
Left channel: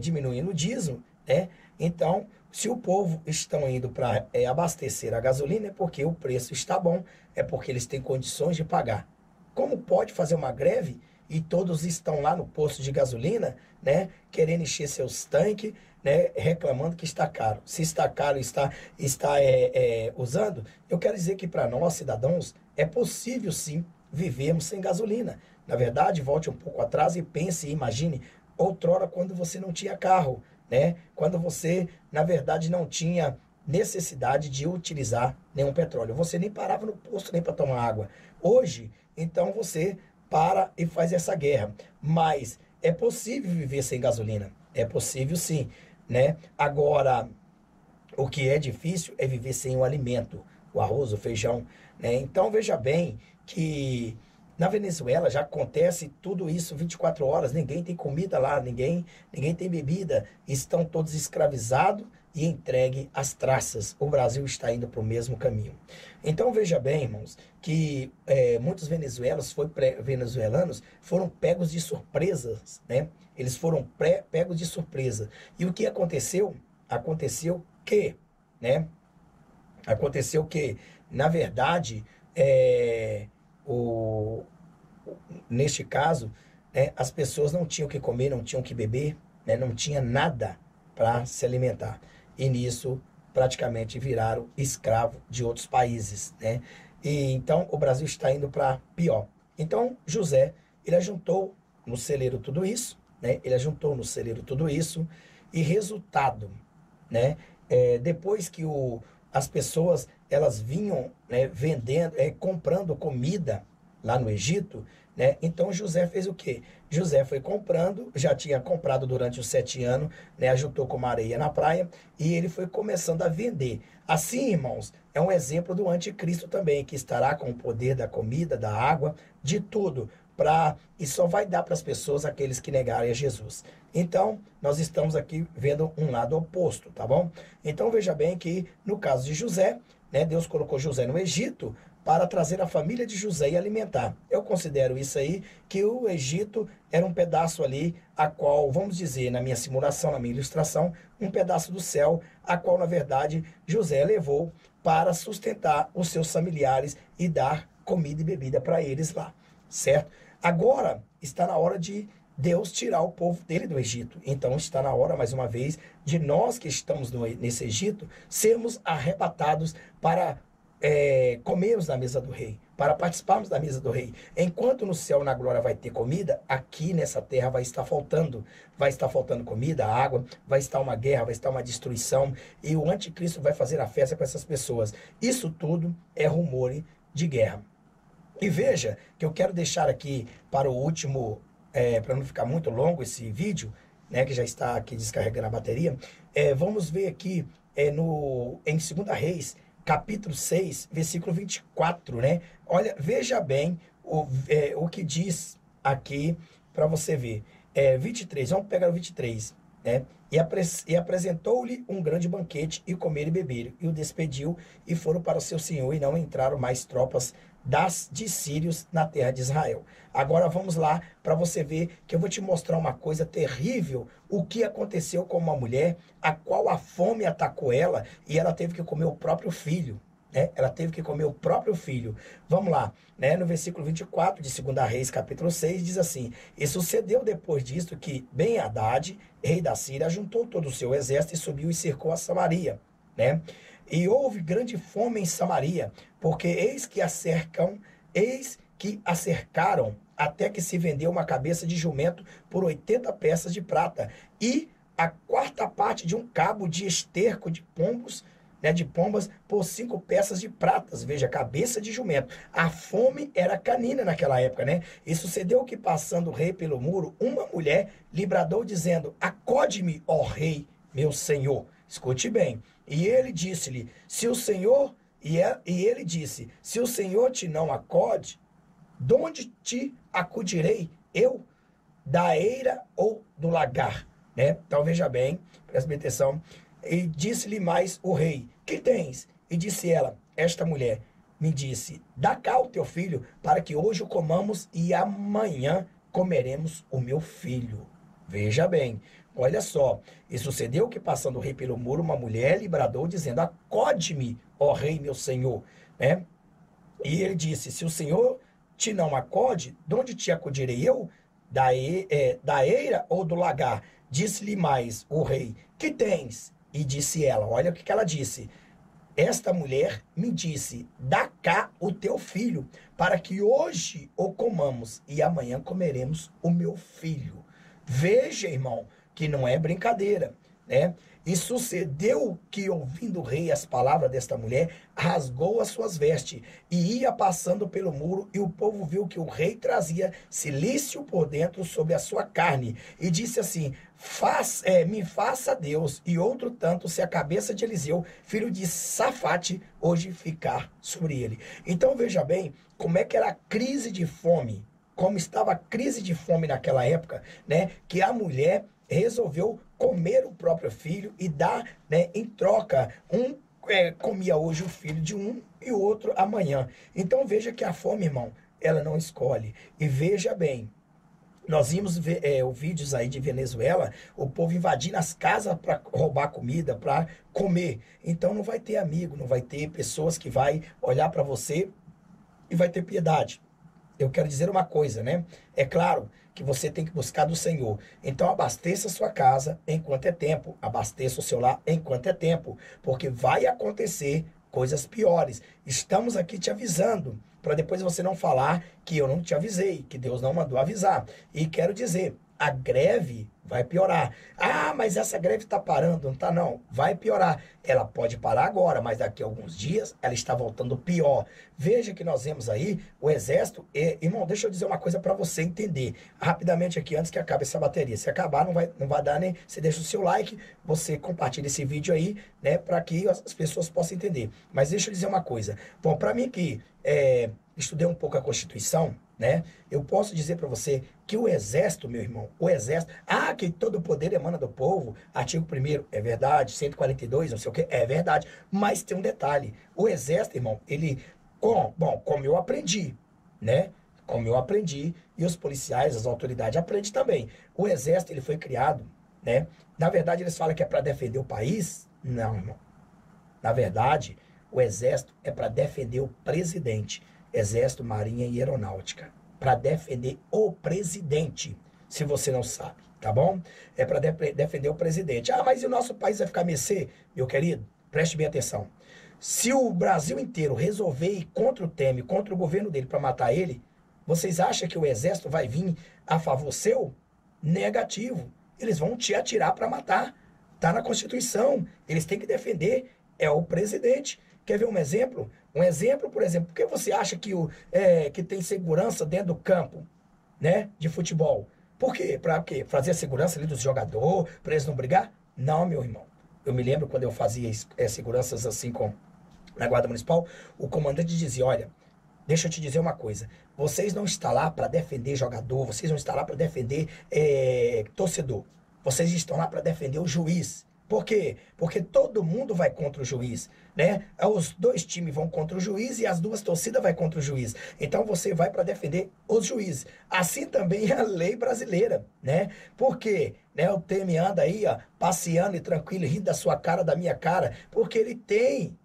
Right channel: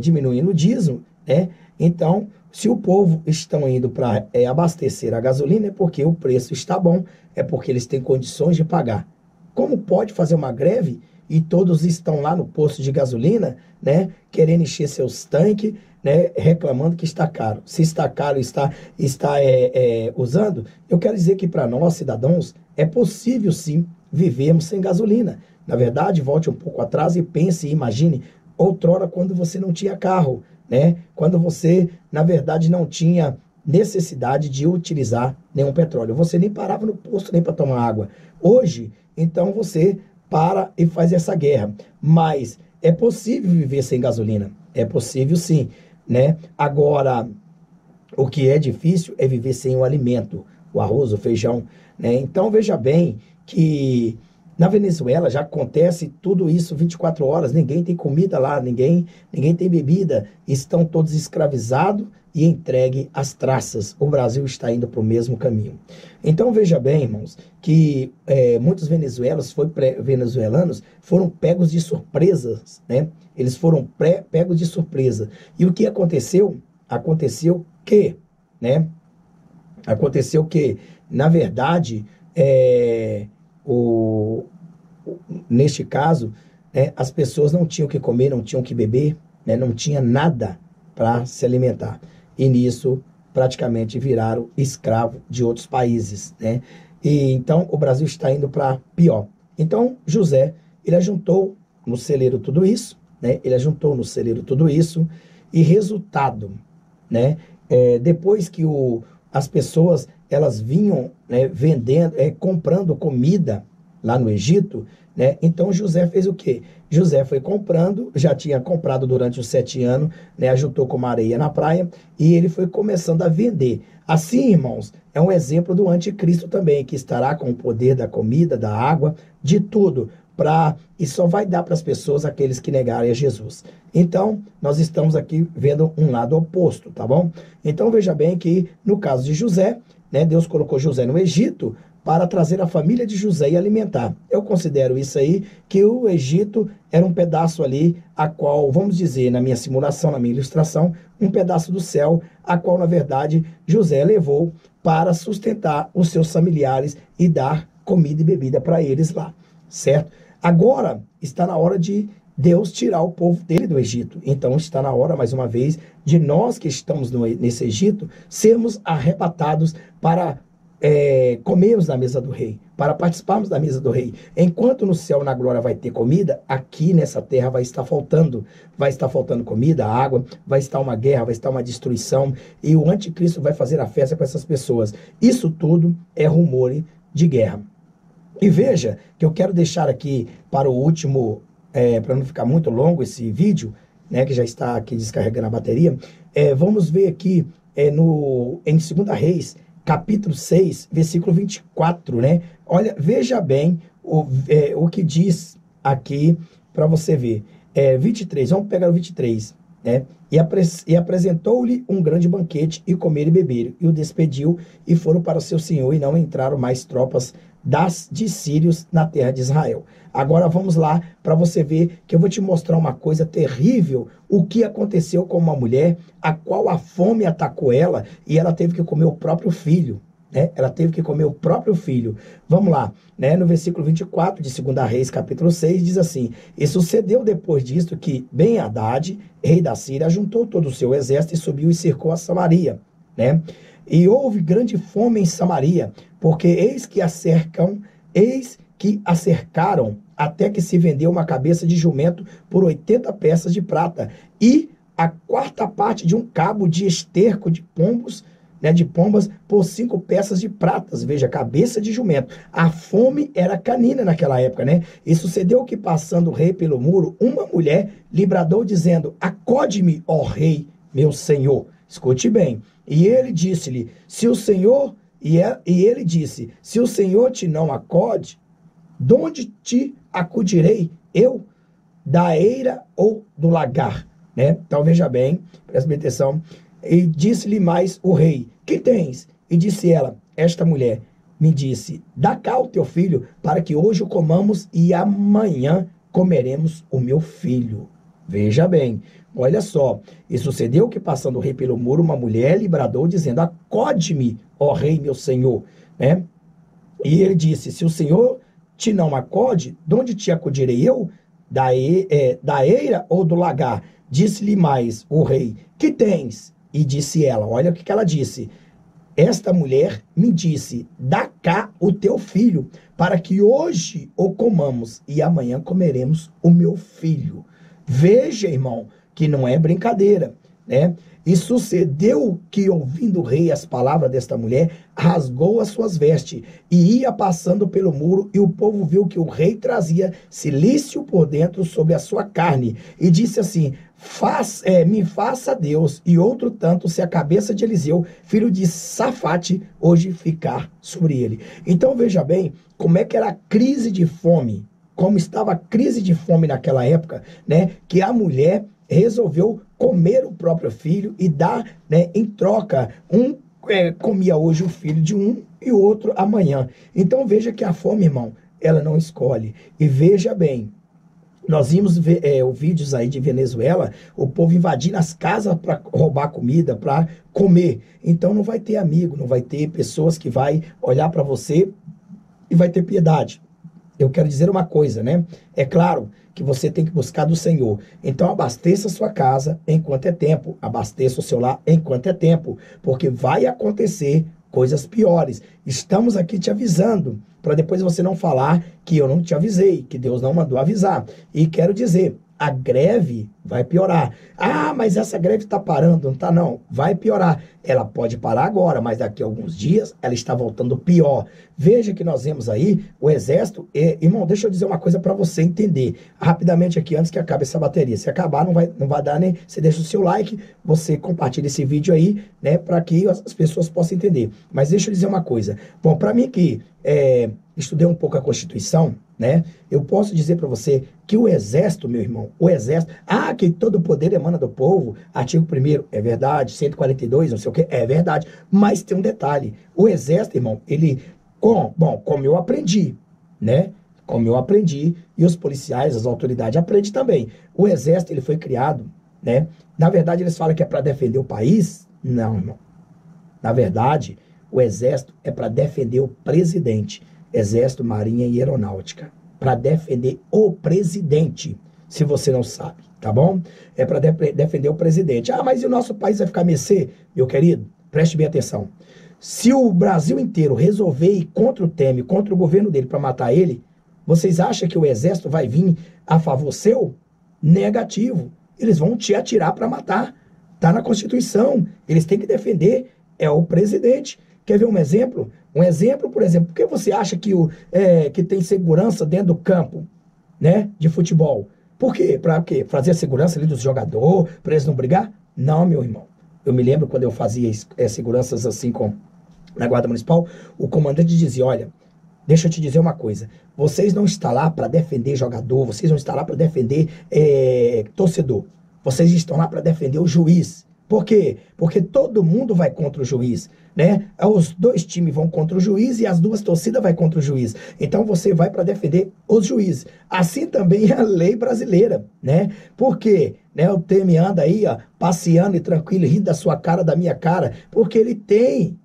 diminuindo o dízimo, né? Então, se o povo estão indo para abastecer a gasolina, é porque o preço está bom, é porque eles têm condições de pagar. Como pode fazer uma greve e todos estão lá no posto de gasolina, né, querendo encher seus tanques, né, reclamando que está caro? Se está caro e está usando, eu quero dizer que para nós, cidadãos, é possível sim vivermos sem gasolina. Na verdade, volte um pouco atrás e pense e imagine outrora quando você não tinha carro, né? Quando você, na verdade, não tinha necessidade de utilizar nenhum petróleo. Você nem parava no posto nem para tomar água. Hoje, então, você para e faz essa guerra. Mas é possível viver sem gasolina. É possível sim, né? Agora, o que é difícil é viver sem o alimento, o arroz, o feijão, né? Então, veja bem que na Venezuela já acontece tudo isso 24 horas, ninguém tem comida lá, ninguém tem bebida, estão todos escravizados e entregue às traças. O Brasil está indo para o mesmo caminho. Então, veja bem, irmãos, que muitos venezuelanos foram pegos de surpresas, né? Eles foram pegos de surpresa. E o que aconteceu? Aconteceu que, né? Aconteceu que, na verdade, neste caso, né, as pessoas não tinham o que comer, não tinham o que beber, né, não tinha nada para se alimentar. E nisso, praticamente, viraram escravo de outros países, né? E então, o Brasil está indo para pior. Então, José, ele ajuntou no celeiro tudo isso, né? Ele ajuntou no celeiro tudo isso e resultado, né? Depois que as pessoas, elas vinham, né, vendendo, comprando comida lá no Egito, né? Então José fez o quê? José foi comprando, já tinha comprado durante os 7 anos, né? Ajuntou com uma areia na praia e ele foi começando a vender. Assim, irmãos, é um exemplo do anticristo também, que estará com o poder da comida, da água, de tudo, e só vai dar para as pessoas aqueles que negarem a Jesus. Então, nós estamos aqui vendo um lado oposto, tá bom? Então, veja bem que no caso de José, né, Deus colocou José no Egito para trazer a família de José e alimentar. Eu considero isso aí, que o Egito era um pedaço ali, a qual, vamos dizer, na minha simulação, na minha ilustração, um pedaço do céu, a qual, na verdade, José levou para sustentar os seus familiares e dar comida e bebida para eles lá, certo? Agora está na hora de Deus tirar o povo dele do Egito. Então está na hora, mais uma vez, de nós que estamos nesse Egito, sermos arrebatados para comermos na mesa do rei, para participarmos da mesa do rei. Enquanto no céu, na glória, vai ter comida, aqui nessa terra vai estar faltando comida, água, vai estar uma guerra, vai estar uma destruição, e o anticristo vai fazer a festa com essas pessoas. Isso tudo é rumor de guerra. E veja que eu quero deixar aqui para o último, para não ficar muito longo esse vídeo, né, que já está aqui descarregando a bateria. Vamos ver aqui em 2 Reis, capítulo 6, versículo 24, né? Olha, veja bem o que diz aqui para você ver. 23, vamos pegar o 23, né? E apresentou-lhe um grande banquete, e comer e beber, e o despediu, e foram para o seu senhor, e não entraram mais tropas de sírios na terra de Israel. Agora vamos lá para você ver que eu vou te mostrar uma coisa terrível, o que aconteceu com uma mulher a qual a fome atacou ela e ela teve que comer o próprio filho, né? Ela teve que comer o próprio filho. Vamos lá, né? No versículo 24 de 2 Reis, capítulo 6, diz assim: E sucedeu depois disto que Ben-Hadad, rei da Síria, juntou todo o seu exército e subiu e cercou a Samaria, né? E houve grande fome em Samaria, porque eis que a cercaram, até que se vendeu uma cabeça de jumento por 80 peças de prata, e a 4ª parte de um cabo de esterco de pombos, né, de pombas, por 5 peças de pratas. Veja, cabeça de jumento. A fome era canina naquela época, né? E sucedeu que, passando o rei pelo muro, uma mulher lhe bradou, dizendo: Acode-me, ó rei, meu senhor. Escute bem. E ele disse-lhe, se o Senhor, ele disse, se o Senhor te não acode, de onde te acudirei eu? Da eira ou do lagar? Né? Então veja bem, presta bem atenção. E disse-lhe mais o rei, que tens? E disse ela, esta mulher me disse, dá cá o teu filho, para que hoje o comamos e amanhã comeremos o meu filho. Veja bem, olha só, e sucedeu que, passando o rei pelo muro, uma mulher lhe bradou, dizendo, acode-me, ó rei, meu senhor, né? E ele disse, se o Senhor te não acode, de onde te acudirei eu? Da eira ou do lagar? Disse-lhe mais o rei, que tens? E disse ela, olha o que ela disse, esta mulher me disse, dá cá o teu filho, para que hoje o comamos e amanhã comeremos o meu filho. Veja, irmão, que não é brincadeira, né? E sucedeu que, ouvindo o rei as palavras desta mulher, rasgou as suas vestes e ia passando pelo muro, e o povo viu que o rei trazia cilício por dentro sobre a sua carne, e disse assim, me faça Deus, e outro tanto, se a cabeça de Eliseu, filho de Safate, hoje ficar sobre ele. Então veja bem, como é que era a crise de fome, como estava a crise de fome naquela época, né, que a mulher resolveu comer o próprio filho e dar, né, em troca, comia hoje o filho de um e o outro amanhã. Então veja que a fome, irmão, ela não escolhe. E veja bem, nós vimos vídeos aí de Venezuela, o povo invadindo as casas para roubar comida, para comer. Então não vai ter amigo, não vai ter pessoas que vai olhar para você e vai ter piedade. Eu quero dizer uma coisa, né? É claro que você tem que buscar do Senhor. Então abasteça a sua casa enquanto é tempo. Abasteça o seu lar enquanto é tempo. Porque vai acontecer coisas piores. Estamos aqui te avisando, para depois você não falar que eu não te avisei, que Deus não mandou avisar. E quero dizer, a greve vai piorar. Ah, mas essa greve está parando, não está não. Vai piorar. Ela pode parar agora, mas daqui a alguns dias ela está voltando pior. Veja que nós vemos aí o exército. Irmão, deixa eu dizer uma coisa para você entender. Rapidamente aqui, antes que acabe essa bateria. Se acabar, não vai dar nem... Você deixa o seu like, você compartilha esse vídeo aí, né? Para que as pessoas possam entender. Mas deixa eu dizer uma coisa. Bom, para mim que estudei um pouco a Constituição, né? Eu posso dizer para você que o exército, meu irmão, o exército, que todo o poder emana do povo, artigo 1º, é verdade, 142, não sei o que, é verdade, mas tem um detalhe, o exército, irmão, ele, como eu aprendi, né? Como eu aprendi, e os policiais, as autoridades aprendem também, o exército, ele foi criado, né? Na verdade, eles falam que é para defender o país, não, irmão, na verdade, o exército é para defender o presidente, Exército, Marinha e Aeronáutica, para defender o presidente, se você não sabe, tá bom? É para defender o presidente. Mas e o nosso país vai ficar a mercê? Meu querido, preste bem atenção. Se o Brasil inteiro resolver ir contra o Temer, contra o governo dele para matar ele, vocês acham que o exército vai vir a favor seu? Negativo. Eles vão te atirar para matar. Tá na Constituição. Eles têm que defender o presidente. Quer ver um exemplo? Um exemplo, por exemplo, por que você acha que tem segurança dentro do campo, né, de futebol? Por quê? Para quê? Fazer a segurança ali dos jogadores, para eles não brigar? Não, meu irmão. Eu me lembro quando eu fazia seguranças assim na Guarda Municipal, o comandante dizia, olha, deixa eu te dizer uma coisa, vocês não estão lá para defender jogador, vocês não estão lá para defender torcedor, vocês estão lá para defender o juiz. Por quê? Porque todo mundo vai contra o juiz, né? Os dois times vão contra o juiz e as duas torcidas vão contra o juiz. Então você vai para defender os juízes. Assim também é a lei brasileira, né? Por quê? Né? O Temer anda aí, ó, passeando e tranquilo, rindo da sua cara, da minha cara, porque ele tem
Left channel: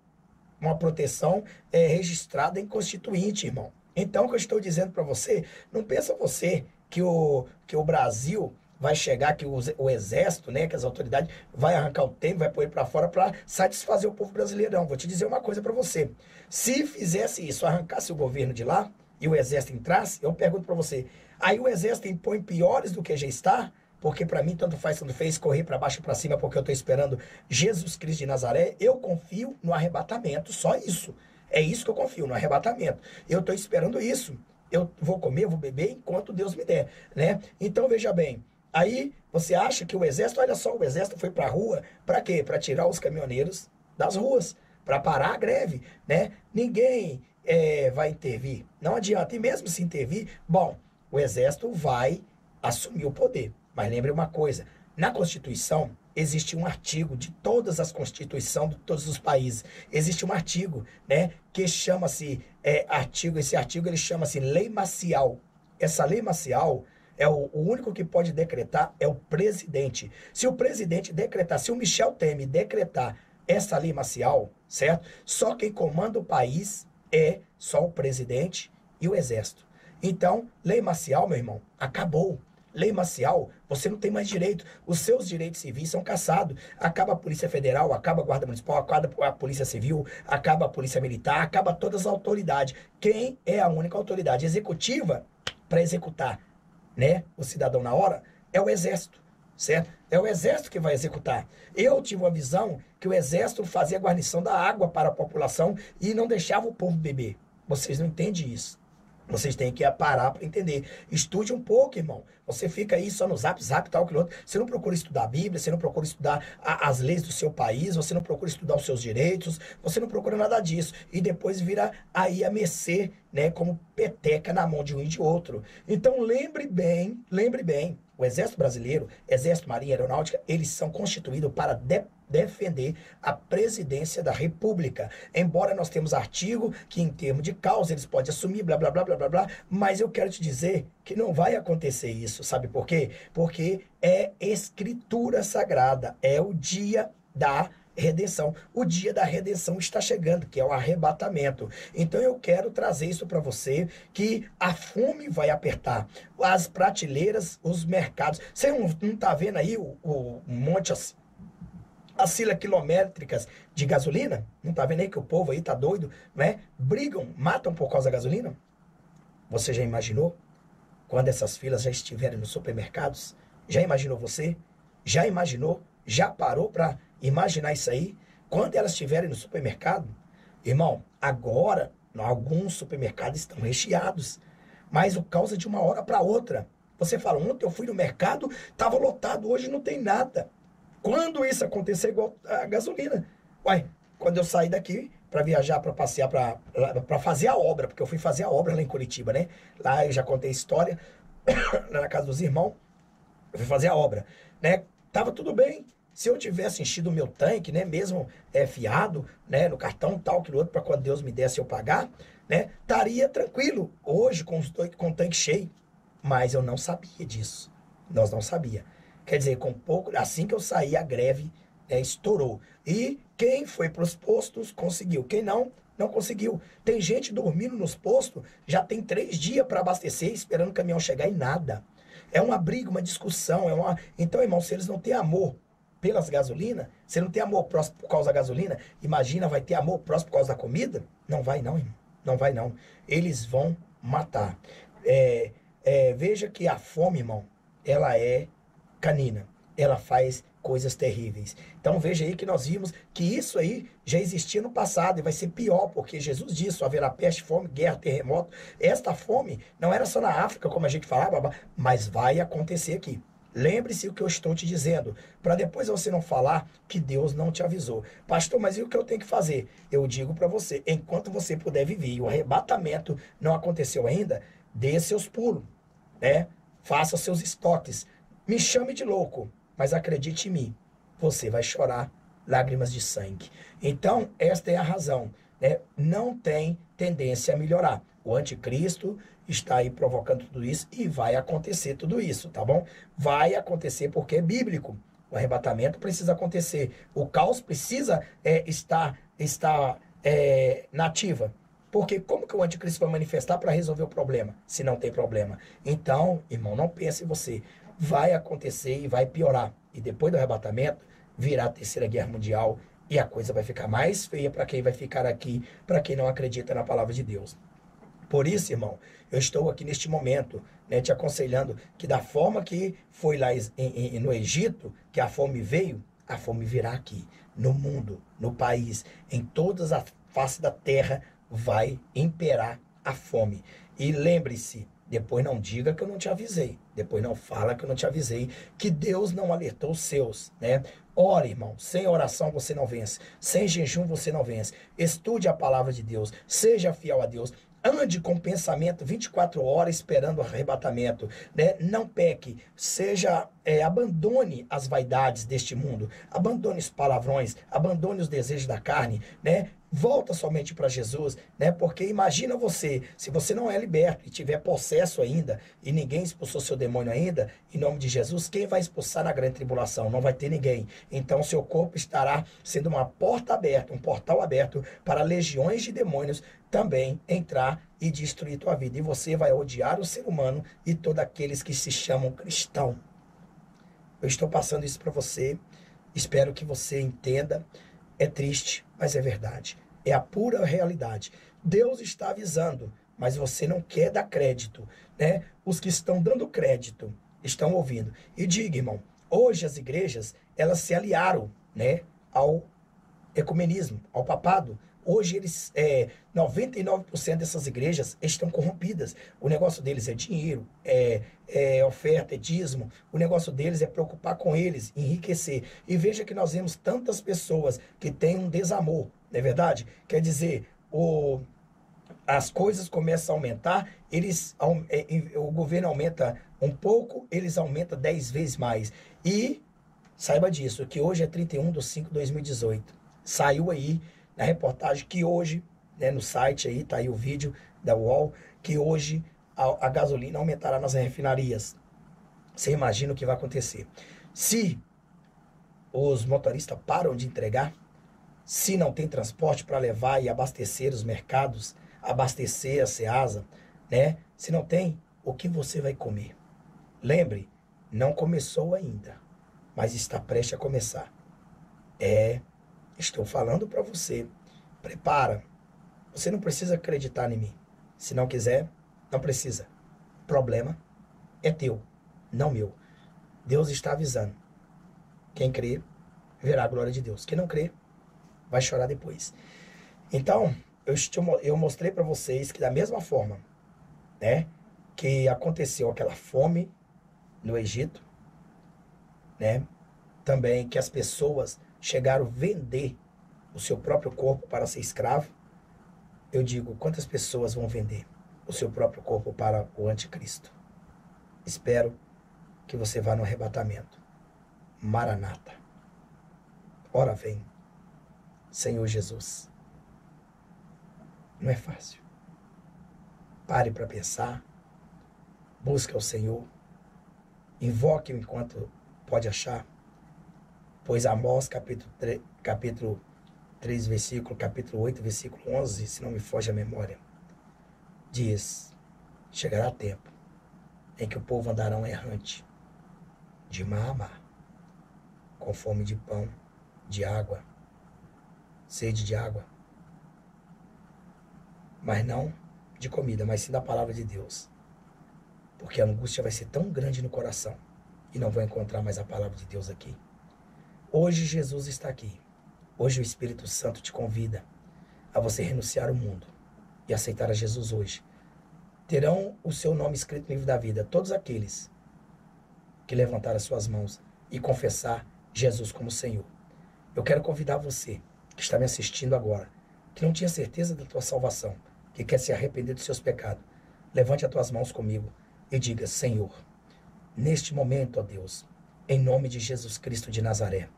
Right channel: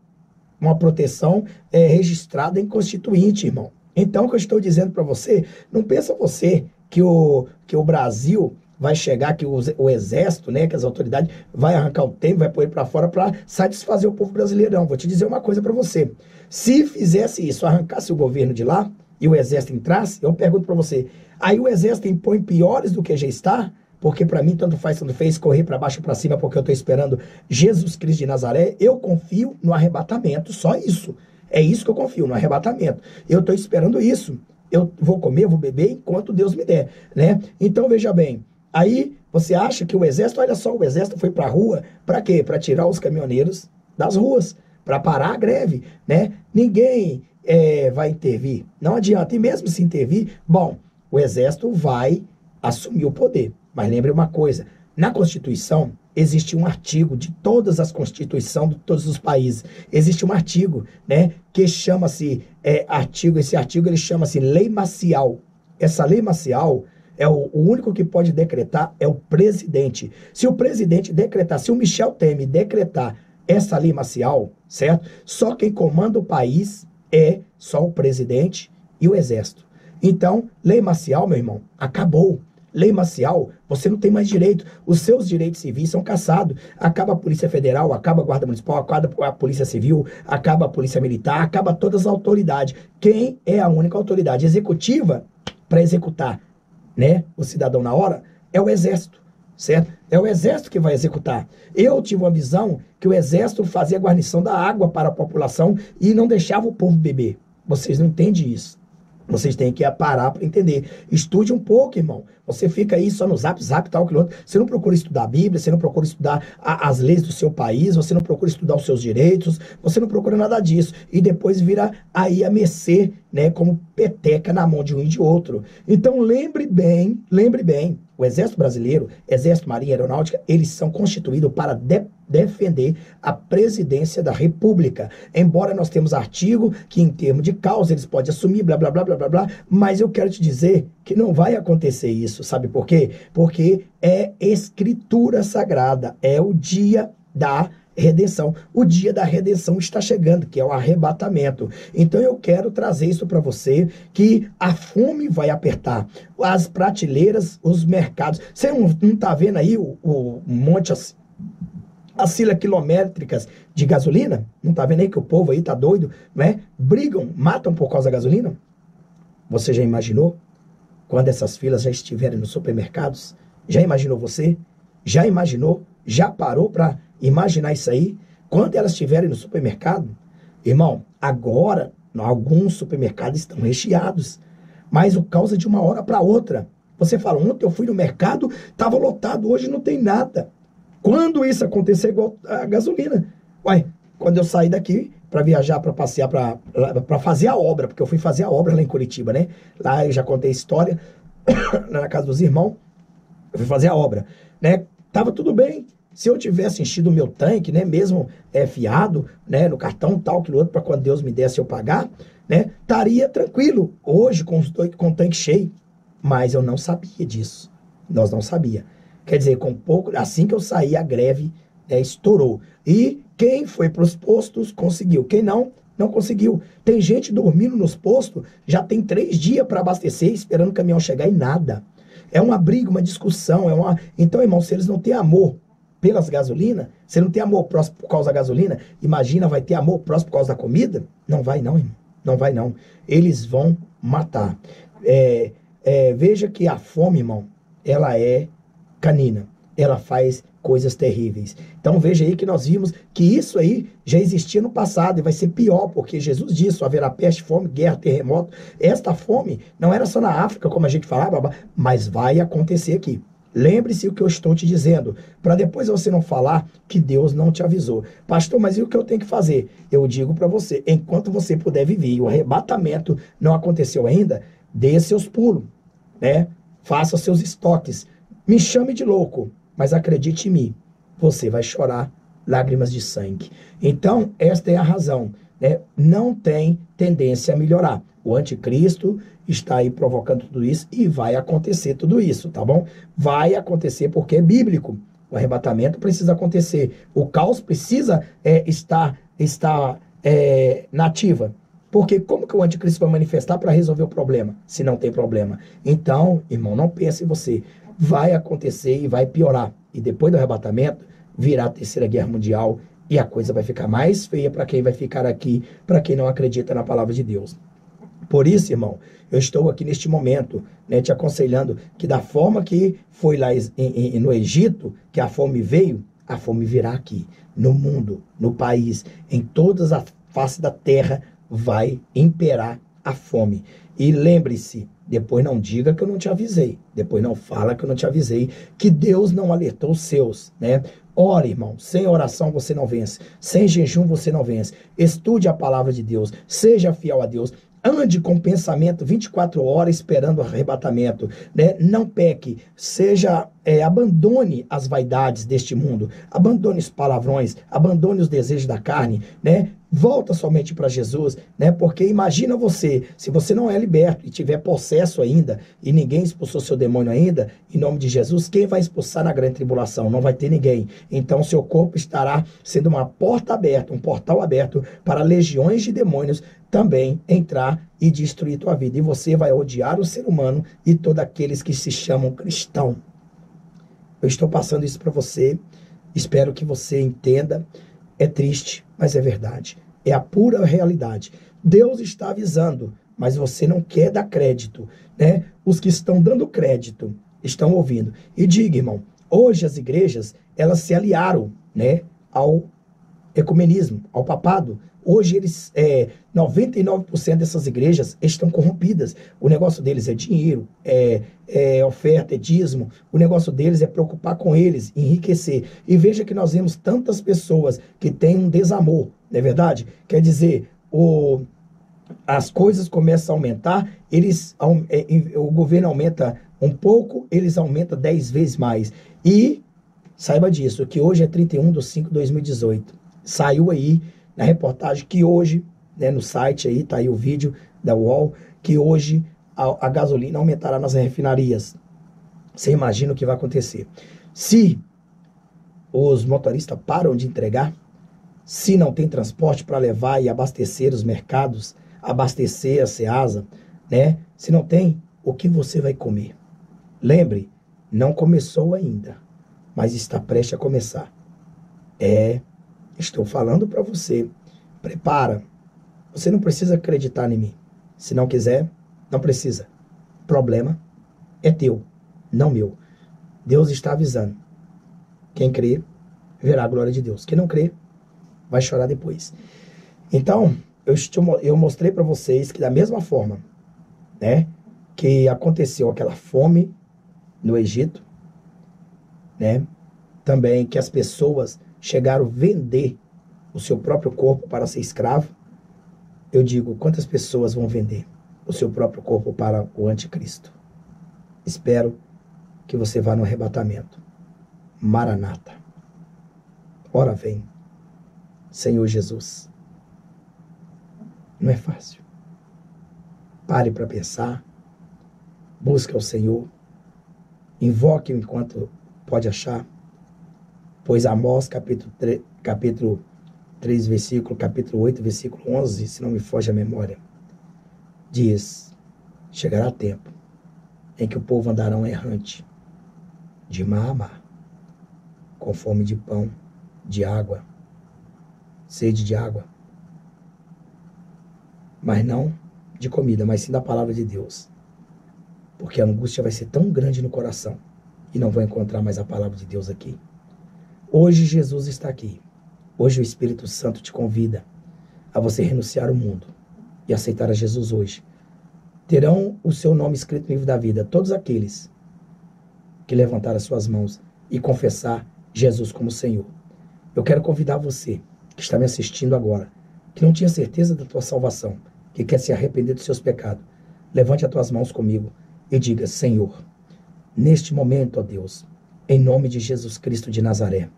uma proteção registrada em Constituinte, irmão. Então, o que eu estou dizendo para você, não pensa você que o Brasil vai chegar, que o exército, né, que as autoridades vai arrancar o Temer, vai pôr ele para fora para satisfazer o povo brasileiro. Não, vou te dizer uma coisa para você. Se fizesse isso, arrancasse o governo de lá e o exército entrasse, eu pergunto para você, aí o exército impõe piores do que já está? Porque para mim tanto faz, tanto fez, correr para baixo para cima, porque eu estou esperando Jesus Cristo de Nazaré. Eu confio no arrebatamento, só isso. É isso que eu confio, no arrebatamento. Eu estou esperando isso. Eu vou comer, vou beber enquanto Deus me der, né? Então veja bem, aí você acha que o exército, olha só, o exército foi para a rua, para quê? Para tirar os caminhoneiros das ruas, para parar a greve, né? Ninguém vai intervir, não adianta. E mesmo se intervir, bom, o exército vai assumir o poder. Mas lembre uma coisa, na Constituição existe um artigo de todas as constituições de todos os países. Existe um artigo, né, que chama-se esse artigo ele chama-se lei marcial. Essa lei marcial o único que pode decretar é o presidente. Se o presidente decretar, se o Michel Temer decretar essa lei marcial, certo? Só quem comanda o país é só o presidente e o exército. Então, lei marcial, meu irmão, acabou. lei marcial, você não tem mais direito. Os seus direitos civis são cassados. Acaba a Polícia Federal, acaba a Guarda Municipal, acaba a Polícia Civil, acaba a Polícia Militar, acaba todas as autoridades. Quem é a única autoridade executiva para executar, né, o cidadão na hora? É o Exército, certo? É o Exército que vai executar. Eu tive uma visão que o Exército fazia a guarnição da água para a população e não deixava o povo beber. Vocês não entendem isso. Vocês têm que parar para entender. Estude um pouco, irmão. Você fica aí só no zap, tal, aquilo outro. Você não procura estudar a Bíblia, você não procura estudar as leis do seu país, você não procura estudar os seus direitos, você não procura nada disso. E depois vira aí a mercê, né, como peteca na mão de um e de outro. Então lembre bem, o Exército Brasileiro, Exército, Marinha, Aeronáutica, eles são constituídos para defender a presidência da República. Embora nós temos artigo que em termos de causa eles podem assumir, blá, blá, blá, blá, blá, blá, mas eu quero te dizer que não vai acontecer isso, sabe por quê? Porque é escritura sagrada, é o dia da redenção. O dia da redenção está chegando, que é o arrebatamento. Então eu quero trazer isso para você, que a fome vai apertar as prateleiras, os mercados. Você não está vendo aí o monte as filas quilométricas de gasolina? Não está vendo aí que o povo aí tá doido, né? Brigam, matam por causa da gasolina? Você já imaginou? Quando essas filas já estiverem nos supermercados? Já imaginou você? Já imaginou? Já parou para imaginar isso aí? Quando elas estiverem no supermercado? Irmão, agora alguns supermercados estão recheados, mas por causa de uma hora para outra. Você fala, ontem eu fui no mercado, estava lotado, hoje não tem nada. Quando isso acontecer, igual a gasolina. Ué, quando eu saí daqui para viajar, para passear, para fazer a obra, porque eu fui fazer a obra lá em Curitiba, né? Lá eu já contei a história, lá na casa dos irmãos, eu fui fazer a obra, né? Tava tudo bem. Se eu tivesse enchido o meu tanque, né, mesmo fiado, né, no cartão tal, aquilo outro, para quando Deus me desse eu pagar, né, estaria tranquilo. Hoje, com o tanque cheio. Mas eu não sabia disso. Nós não sabia. Quer dizer, com pouco, assim que eu saí, a greve estourou. E quem foi para os postos conseguiu. Quem não, não conseguiu. Tem gente dormindo nos postos, já tem 3 dias para abastecer, esperando o caminhão chegar e nada. É uma briga, uma discussão. Então, irmão, se eles não têm amor pelas gasolinas, se não tem amor próximo por causa da gasolina, imagina, vai ter amor próximo por causa da comida? Não vai não, irmão. Não vai não. Eles vão matar. Veja que a fome, irmão, ela é canina. Ela faz coisas terríveis. Então veja aí que nós vimos que isso aí já existia no passado e vai ser pior, porque Jesus disse, haverá peste, fome, guerra, terremoto. Esta fome não era só na África, como a gente falava, mas vai acontecer aqui. Lembre-se o que eu estou te dizendo, para depois você não falar que Deus não te avisou. Pastor, mas e o que eu tenho que fazer? Eu digo para você, enquanto você puder viver e o arrebatamento não aconteceu ainda, dê seus pulos, né? Faça seus estoques. Me chame de louco, mas acredite em mim, você vai chorar lágrimas de sangue. Então, esta é a razão, né? Não tem tendência a melhorar. O anticristo está aí provocando tudo isso e vai acontecer tudo isso, tá bom? Vai acontecer porque é bíblico. O arrebatamento precisa acontecer. O caos precisa estar na ativa. Porque como que o anticristo vai manifestar para resolver o problema, se não tem problema? Então, irmão, não pense em você. Vai acontecer e vai piorar. E depois do arrebatamento, virá a Terceira Guerra Mundial e a coisa vai ficar mais feia para quem vai ficar aqui, para quem não acredita na palavra de Deus. Por isso, irmão, eu estou aqui neste momento, né, te aconselhando que da forma que foi lá no Egito, que a fome veio, a fome virá aqui, no mundo, no país, em todas as faces da terra, vai imperar a fome. E lembre-se, depois não diga que eu não te avisei, depois não fala que eu não te avisei, que Deus não alertou os seus, né? Ore, irmão, sem oração você não vence, sem jejum você não vence. Estude a palavra de Deus, seja fiel a Deus. Ande com pensamento 24 horas esperando o arrebatamento, né? Não peque, abandone as vaidades deste mundo, abandone os palavrões, abandone os desejos da carne, né? Volta somente para Jesus, né? Porque imagina você, se você não é liberto e tiver possesso ainda, e ninguém expulsou seu demônio ainda, em nome de Jesus, quem vai expulsar na grande tribulação? Não vai ter ninguém. Então seu corpo estará sendo uma porta aberta, um portal aberto para legiões de demônios também entrar e destruir tua vida. E você vai odiar o ser humano e todos aqueles que se chamam cristão. Eu estou passando isso para você. Espero que você entenda. É triste, mas é verdade. É a pura realidade. Deus está avisando, mas você não quer dar crédito, né? Os que estão dando crédito estão ouvindo. E diga, irmão, hoje as igrejas, elas se aliaram, né, ao ecumenismo, ao papado. Hoje 99% dessas igrejas estão corrompidas. O negócio deles é dinheiro, é oferta, é dízimo. O negócio deles é preocupar com eles, enriquecer. E veja que nós vemos tantas pessoas que têm um desamor, não é verdade? Quer dizer, as coisas começam a aumentar, o governo aumenta um pouco, eles aumentam 10 vezes mais. E saiba disso, que hoje é 31/5/2018. Saiu aí na reportagem que hoje, né, no site aí, tá aí o vídeo da UOL, que hoje a gasolina aumentará nas refinarias. Você imagina o que vai acontecer. Se os motoristas param de entregar, se não tem transporte para levar e abastecer os mercados, abastecer a Ceasa, né? Se não tem, o que você vai comer? Lembre, não começou ainda, mas está prestes a começar. Estou falando para você, prepara. Você não precisa acreditar em mim. Se não quiser, não precisa. Problema é teu, não meu. Deus está avisando. Quem crê, verá a glória de Deus. Quem não crê, vai chorar depois. Então, eu mostrei para vocês que da mesma forma, né, que aconteceu aquela fome no Egito, né, também que as pessoas chegaram a vender o seu próprio corpo para ser escravo. Eu digo, quantas pessoas vão vender o seu próprio corpo para o anticristo? Espero que você vá no arrebatamento. Maranata. Ora vem, Senhor Jesus. Não é fácil. Pare para pensar. Busque ao Senhor. Invoque enquanto pode achar. Pois Amós, capítulo 3, capítulo 8, versículo 11, se não me foge a memória, diz, chegará tempo em que o povo andarão errante, de mar a mar, com fome de pão, de água, sede de água, mas não de comida, mas sim da palavra de Deus, porque a angústia vai ser tão grande no coração, e não vão encontrar mais a palavra de Deus aqui. Hoje Jesus está aqui. Hoje o Espírito Santo te convida a você renunciar ao mundo e aceitar a Jesus hoje. Terão o seu nome escrito no livro da vida todos aqueles que levantaram as suas mãos e confessar Jesus como Senhor. Eu quero convidar você que está me assistindo agora, que não tinha certeza da tua salvação, que quer se arrepender dos seus pecados. Levante as tuas mãos comigo e diga, Senhor, neste momento, ó Deus, em nome de Jesus Cristo de Nazaré,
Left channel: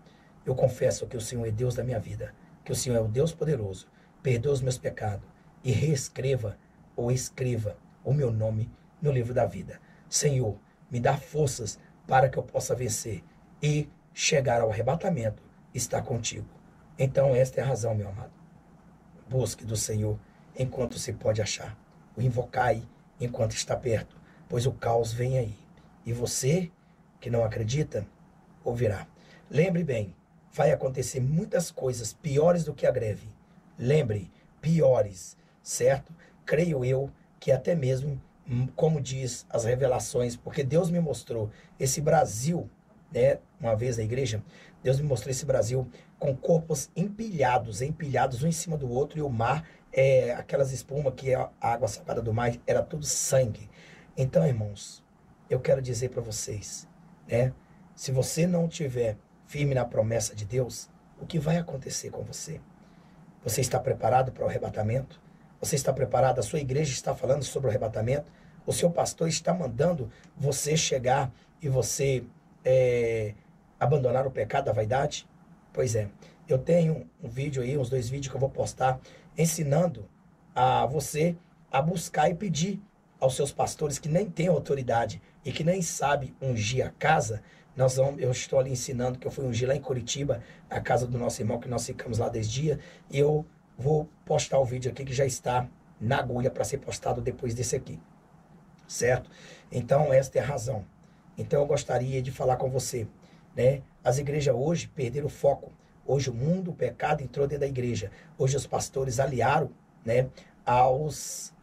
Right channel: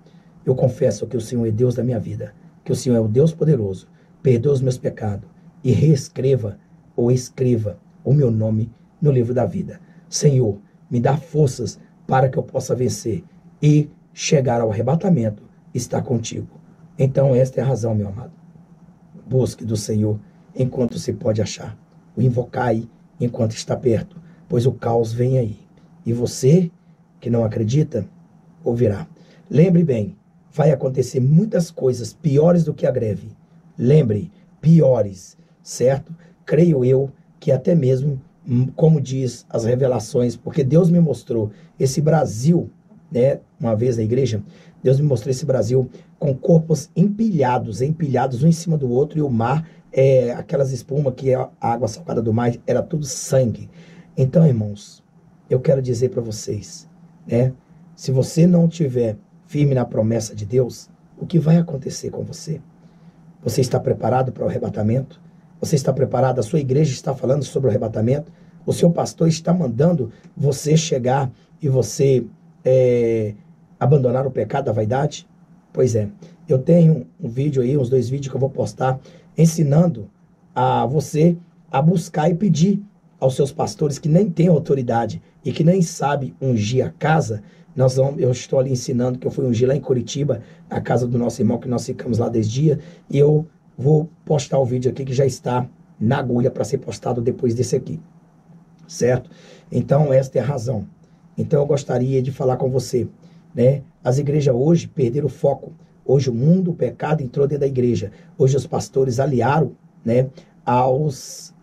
eu confesso que o Senhor é Deus da minha vida, que o Senhor é o Deus poderoso, perdoa os meus pecados e reescreva ou escreva o meu nome no livro da vida. Senhor, me dá forças para que eu possa vencer e chegar ao arrebatamento, estar contigo. Então esta é a razão, meu amado. Busque do Senhor enquanto se pode achar. O invocai enquanto está perto, pois o caos vem aí. E você, que não acredita, ouvirá. Lembre bem, vai acontecer muitas coisas piores do que a greve. Lembre, piores, certo? Creio eu que até mesmo, como diz as revelações, porque Deus me mostrou esse Brasil, né? Uma vez na igreja, Deus me mostrou esse Brasil com corpos empilhados um em cima do outro, e o mar, aquelas espumas que é a água salgada do mar, era tudo sangue. Então, irmãos, eu quero dizer para vocês, né? Se você não tiver firme na promessa de Deus, o que vai acontecer com você? Você está preparado para o arrebatamento? Você está preparado? A sua igreja está falando sobre o arrebatamento? O seu pastor está mandando você chegar e você abandonar o pecado da vaidade? Pois é, eu tenho um vídeo aí, uns 2 vídeos que eu vou postar, ensinando a você a buscar e pedir aos seus pastores que nem têm autoridade e que nem sabem ungir a casa. Eu estou ali ensinando que eu fui ungir lá em Curitiba, na casa do nosso irmão, que nós ficamos lá 10 dias, e eu vou postar o vídeo aqui que já está na agulha para ser postado depois desse aqui, certo? Então, esta é a razão. Então, eu gostaria de falar com você, né? As igrejas hoje perderam o foco. Hoje o mundo, o pecado entrou dentro da igreja. Hoje os pastores aliaram, né, aos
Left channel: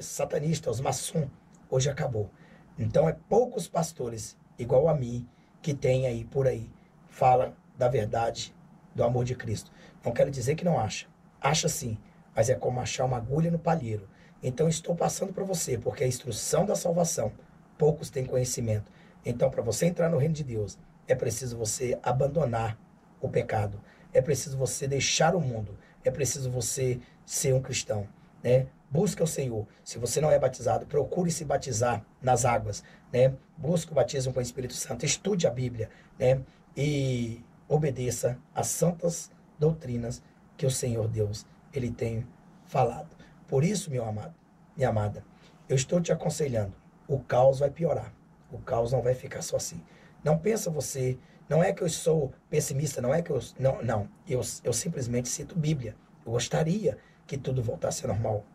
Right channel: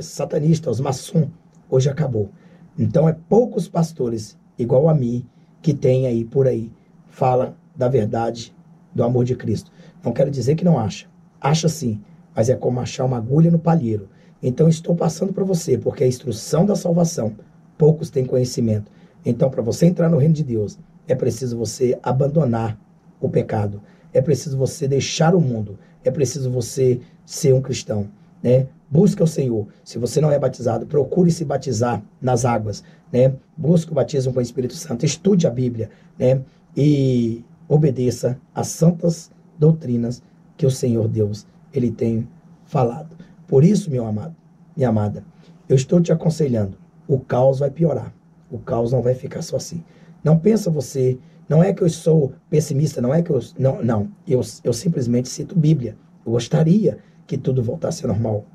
satanistas, aos maçons. Hoje acabou. Então, é poucos pastores, igual a mim, que tem aí, por aí, fala da verdade, do amor de Cristo. Não quero dizer que não acha. Acha sim, mas é como achar uma agulha no palheiro. Então, estou passando para você, porque a instrução da salvação, poucos têm conhecimento. Então, para você entrar no reino de Deus, é preciso você abandonar o pecado. É preciso você deixar o mundo. É preciso você ser um cristão, né? Busca o Senhor. Se você não é batizado, procure se batizar nas águas, né? Busque o batismo com o Espírito Santo. Estude a Bíblia, né? E obedeça às santas doutrinas que o Senhor Deus, Ele tem falado. Por isso, meu amado, minha amada, eu estou te aconselhando. O caos vai piorar. O caos não vai ficar só assim. Não pensa você, não é que eu sou pessimista, não é que eu... Não. Eu simplesmente cito Bíblia. Eu gostaria que tudo voltasse ao normal,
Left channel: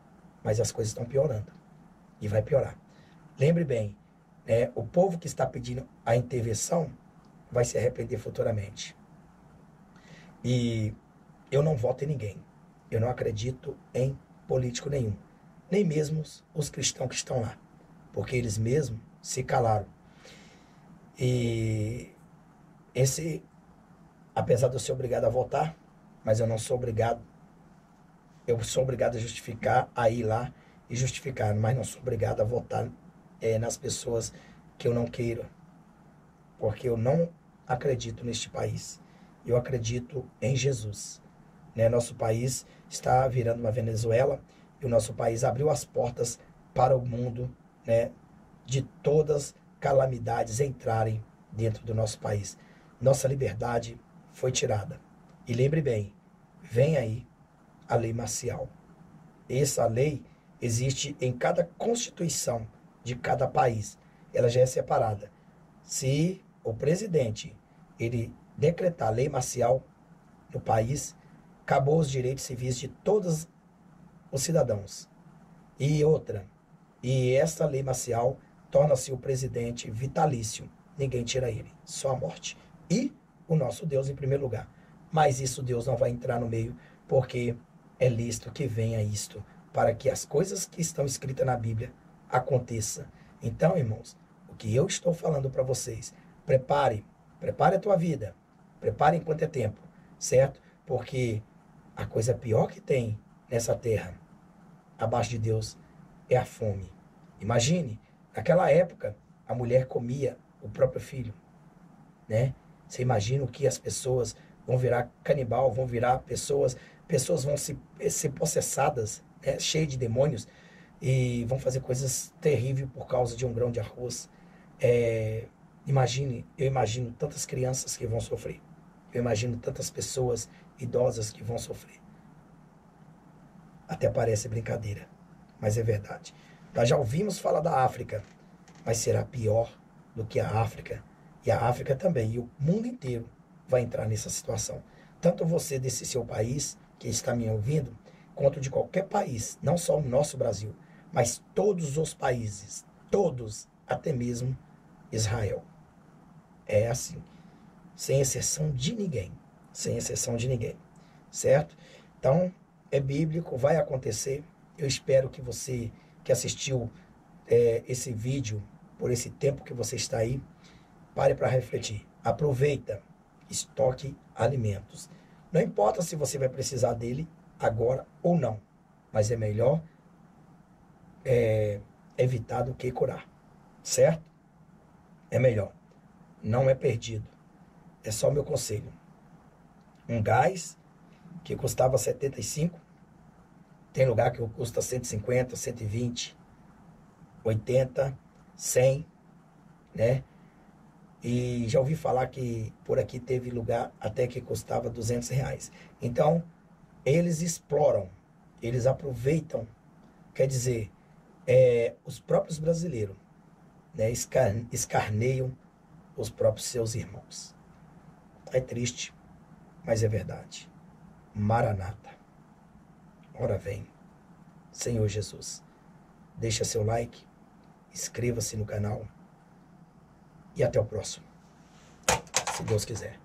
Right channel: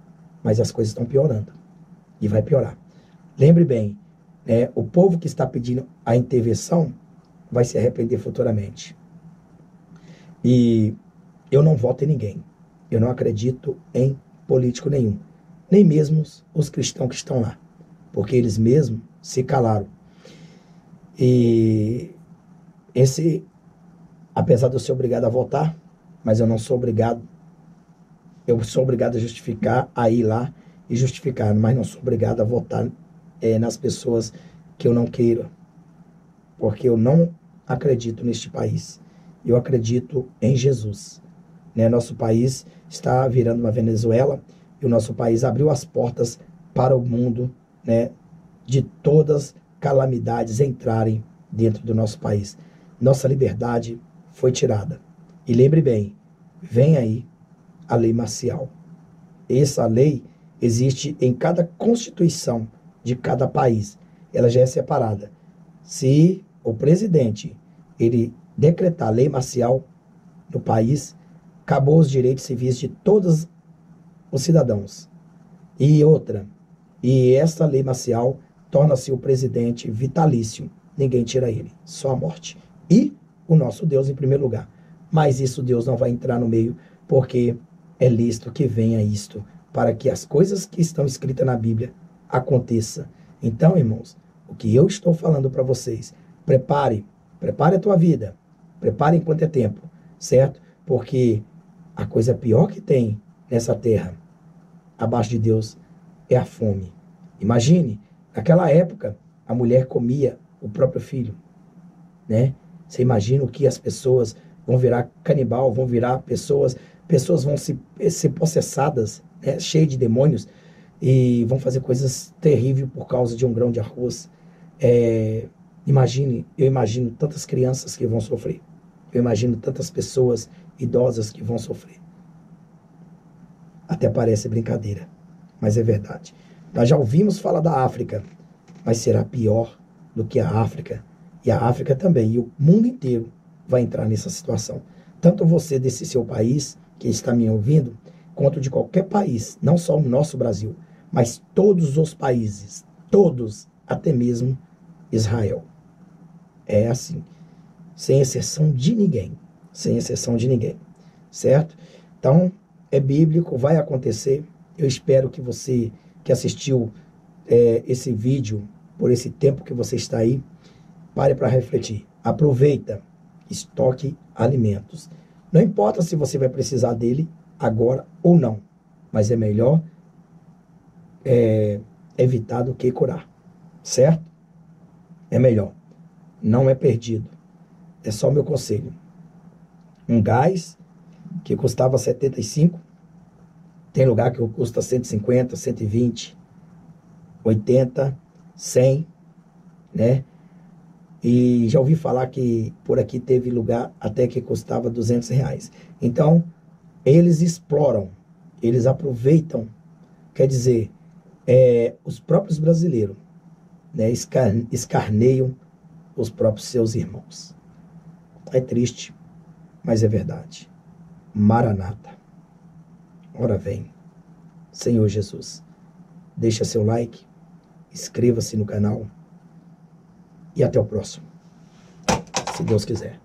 mas as coisas estão piorando. E vai piorar. Lembre bem, né, o povo que está pedindo a intervenção vai se arrepender futuramente. E eu não voto em ninguém. Eu não acredito em político nenhum. Nem mesmo os cristãos que estão lá. Porque eles mesmos se calaram. E apesar de eu ser obrigado a votar, mas eu não sou obrigado. Eu sou obrigado a justificar, a ir lá e justificar, mas não sou obrigado a votar nas pessoas que eu não queira. Porque eu não acredito neste país. Eu acredito em Jesus. Né? Nosso país está virando uma Venezuela e o nosso país abriu as portas para o mundo, né, de todas calamidades entrarem dentro do nosso país. Nossa liberdade foi tirada. E lembre bem, vem aí a lei marcial. Essa lei existe em cada constituição de cada país. Ela já é separada. Se o presidente ele decretar lei marcial no país, acabou os direitos civis de todos os cidadãos. E outra, e essa lei marcial torna-se o presidente vitalício. Ninguém tira ele, só a morte. E o nosso Deus em primeiro lugar. Mas isso Deus não vai entrar no meio, porque é lícito que venha isto, para que as coisas que estão escritas na Bíblia aconteçam. Então, irmãos, o que eu estou falando para vocês, prepare a tua vida, prepare enquanto é tempo, certo? Porque a coisa pior que tem nessa terra, abaixo de Deus, é a fome. Imagine, naquela época, a mulher comia o próprio filho, né? Você imagina o que as pessoas vão virar canibal, vão virar pessoas vão ser possessadas, né? Cheias de demônios, e vão fazer coisas terríveis por causa de um grão de arroz. Eu imagino tantas crianças que vão sofrer. Eu imagino tantas pessoas idosas que vão sofrer. Até parece brincadeira, mas é verdade. Nós já ouvimos falar da África, mas será pior do que a África. E a África também, e o mundo inteiro vai entrar nessa situação. Tanto você desse seu país, que está me ouvindo, quanto de qualquer país, não só o nosso Brasil, mas todos os países, todos, até mesmo Israel. É assim, sem exceção de ninguém, certo? Então, é bíblico, vai acontecer. Eu espero que você que assistiu esse vídeo, por esse tempo que você está aí, pare para refletir. Aproveita, estoque alimentos. Não importa se você vai precisar dele agora ou não, mas é melhor evitar do que curar, certo? É melhor. Não é perdido. É só o meu conselho. Um gás que custava 75, tem lugar que custa 150, 120, 80, 100, né? E já ouvi falar que por aqui teve lugar até que custava R$ 200. Então, eles exploram, eles aproveitam, quer dizer, os próprios brasileiros, né, escarneiam os próprios seus irmãos. É triste, mas é verdade. Maranata. Ora vem. Senhor Jesus. Deixa seu like, inscreva-se no canal e até o próximo, se Deus quiser.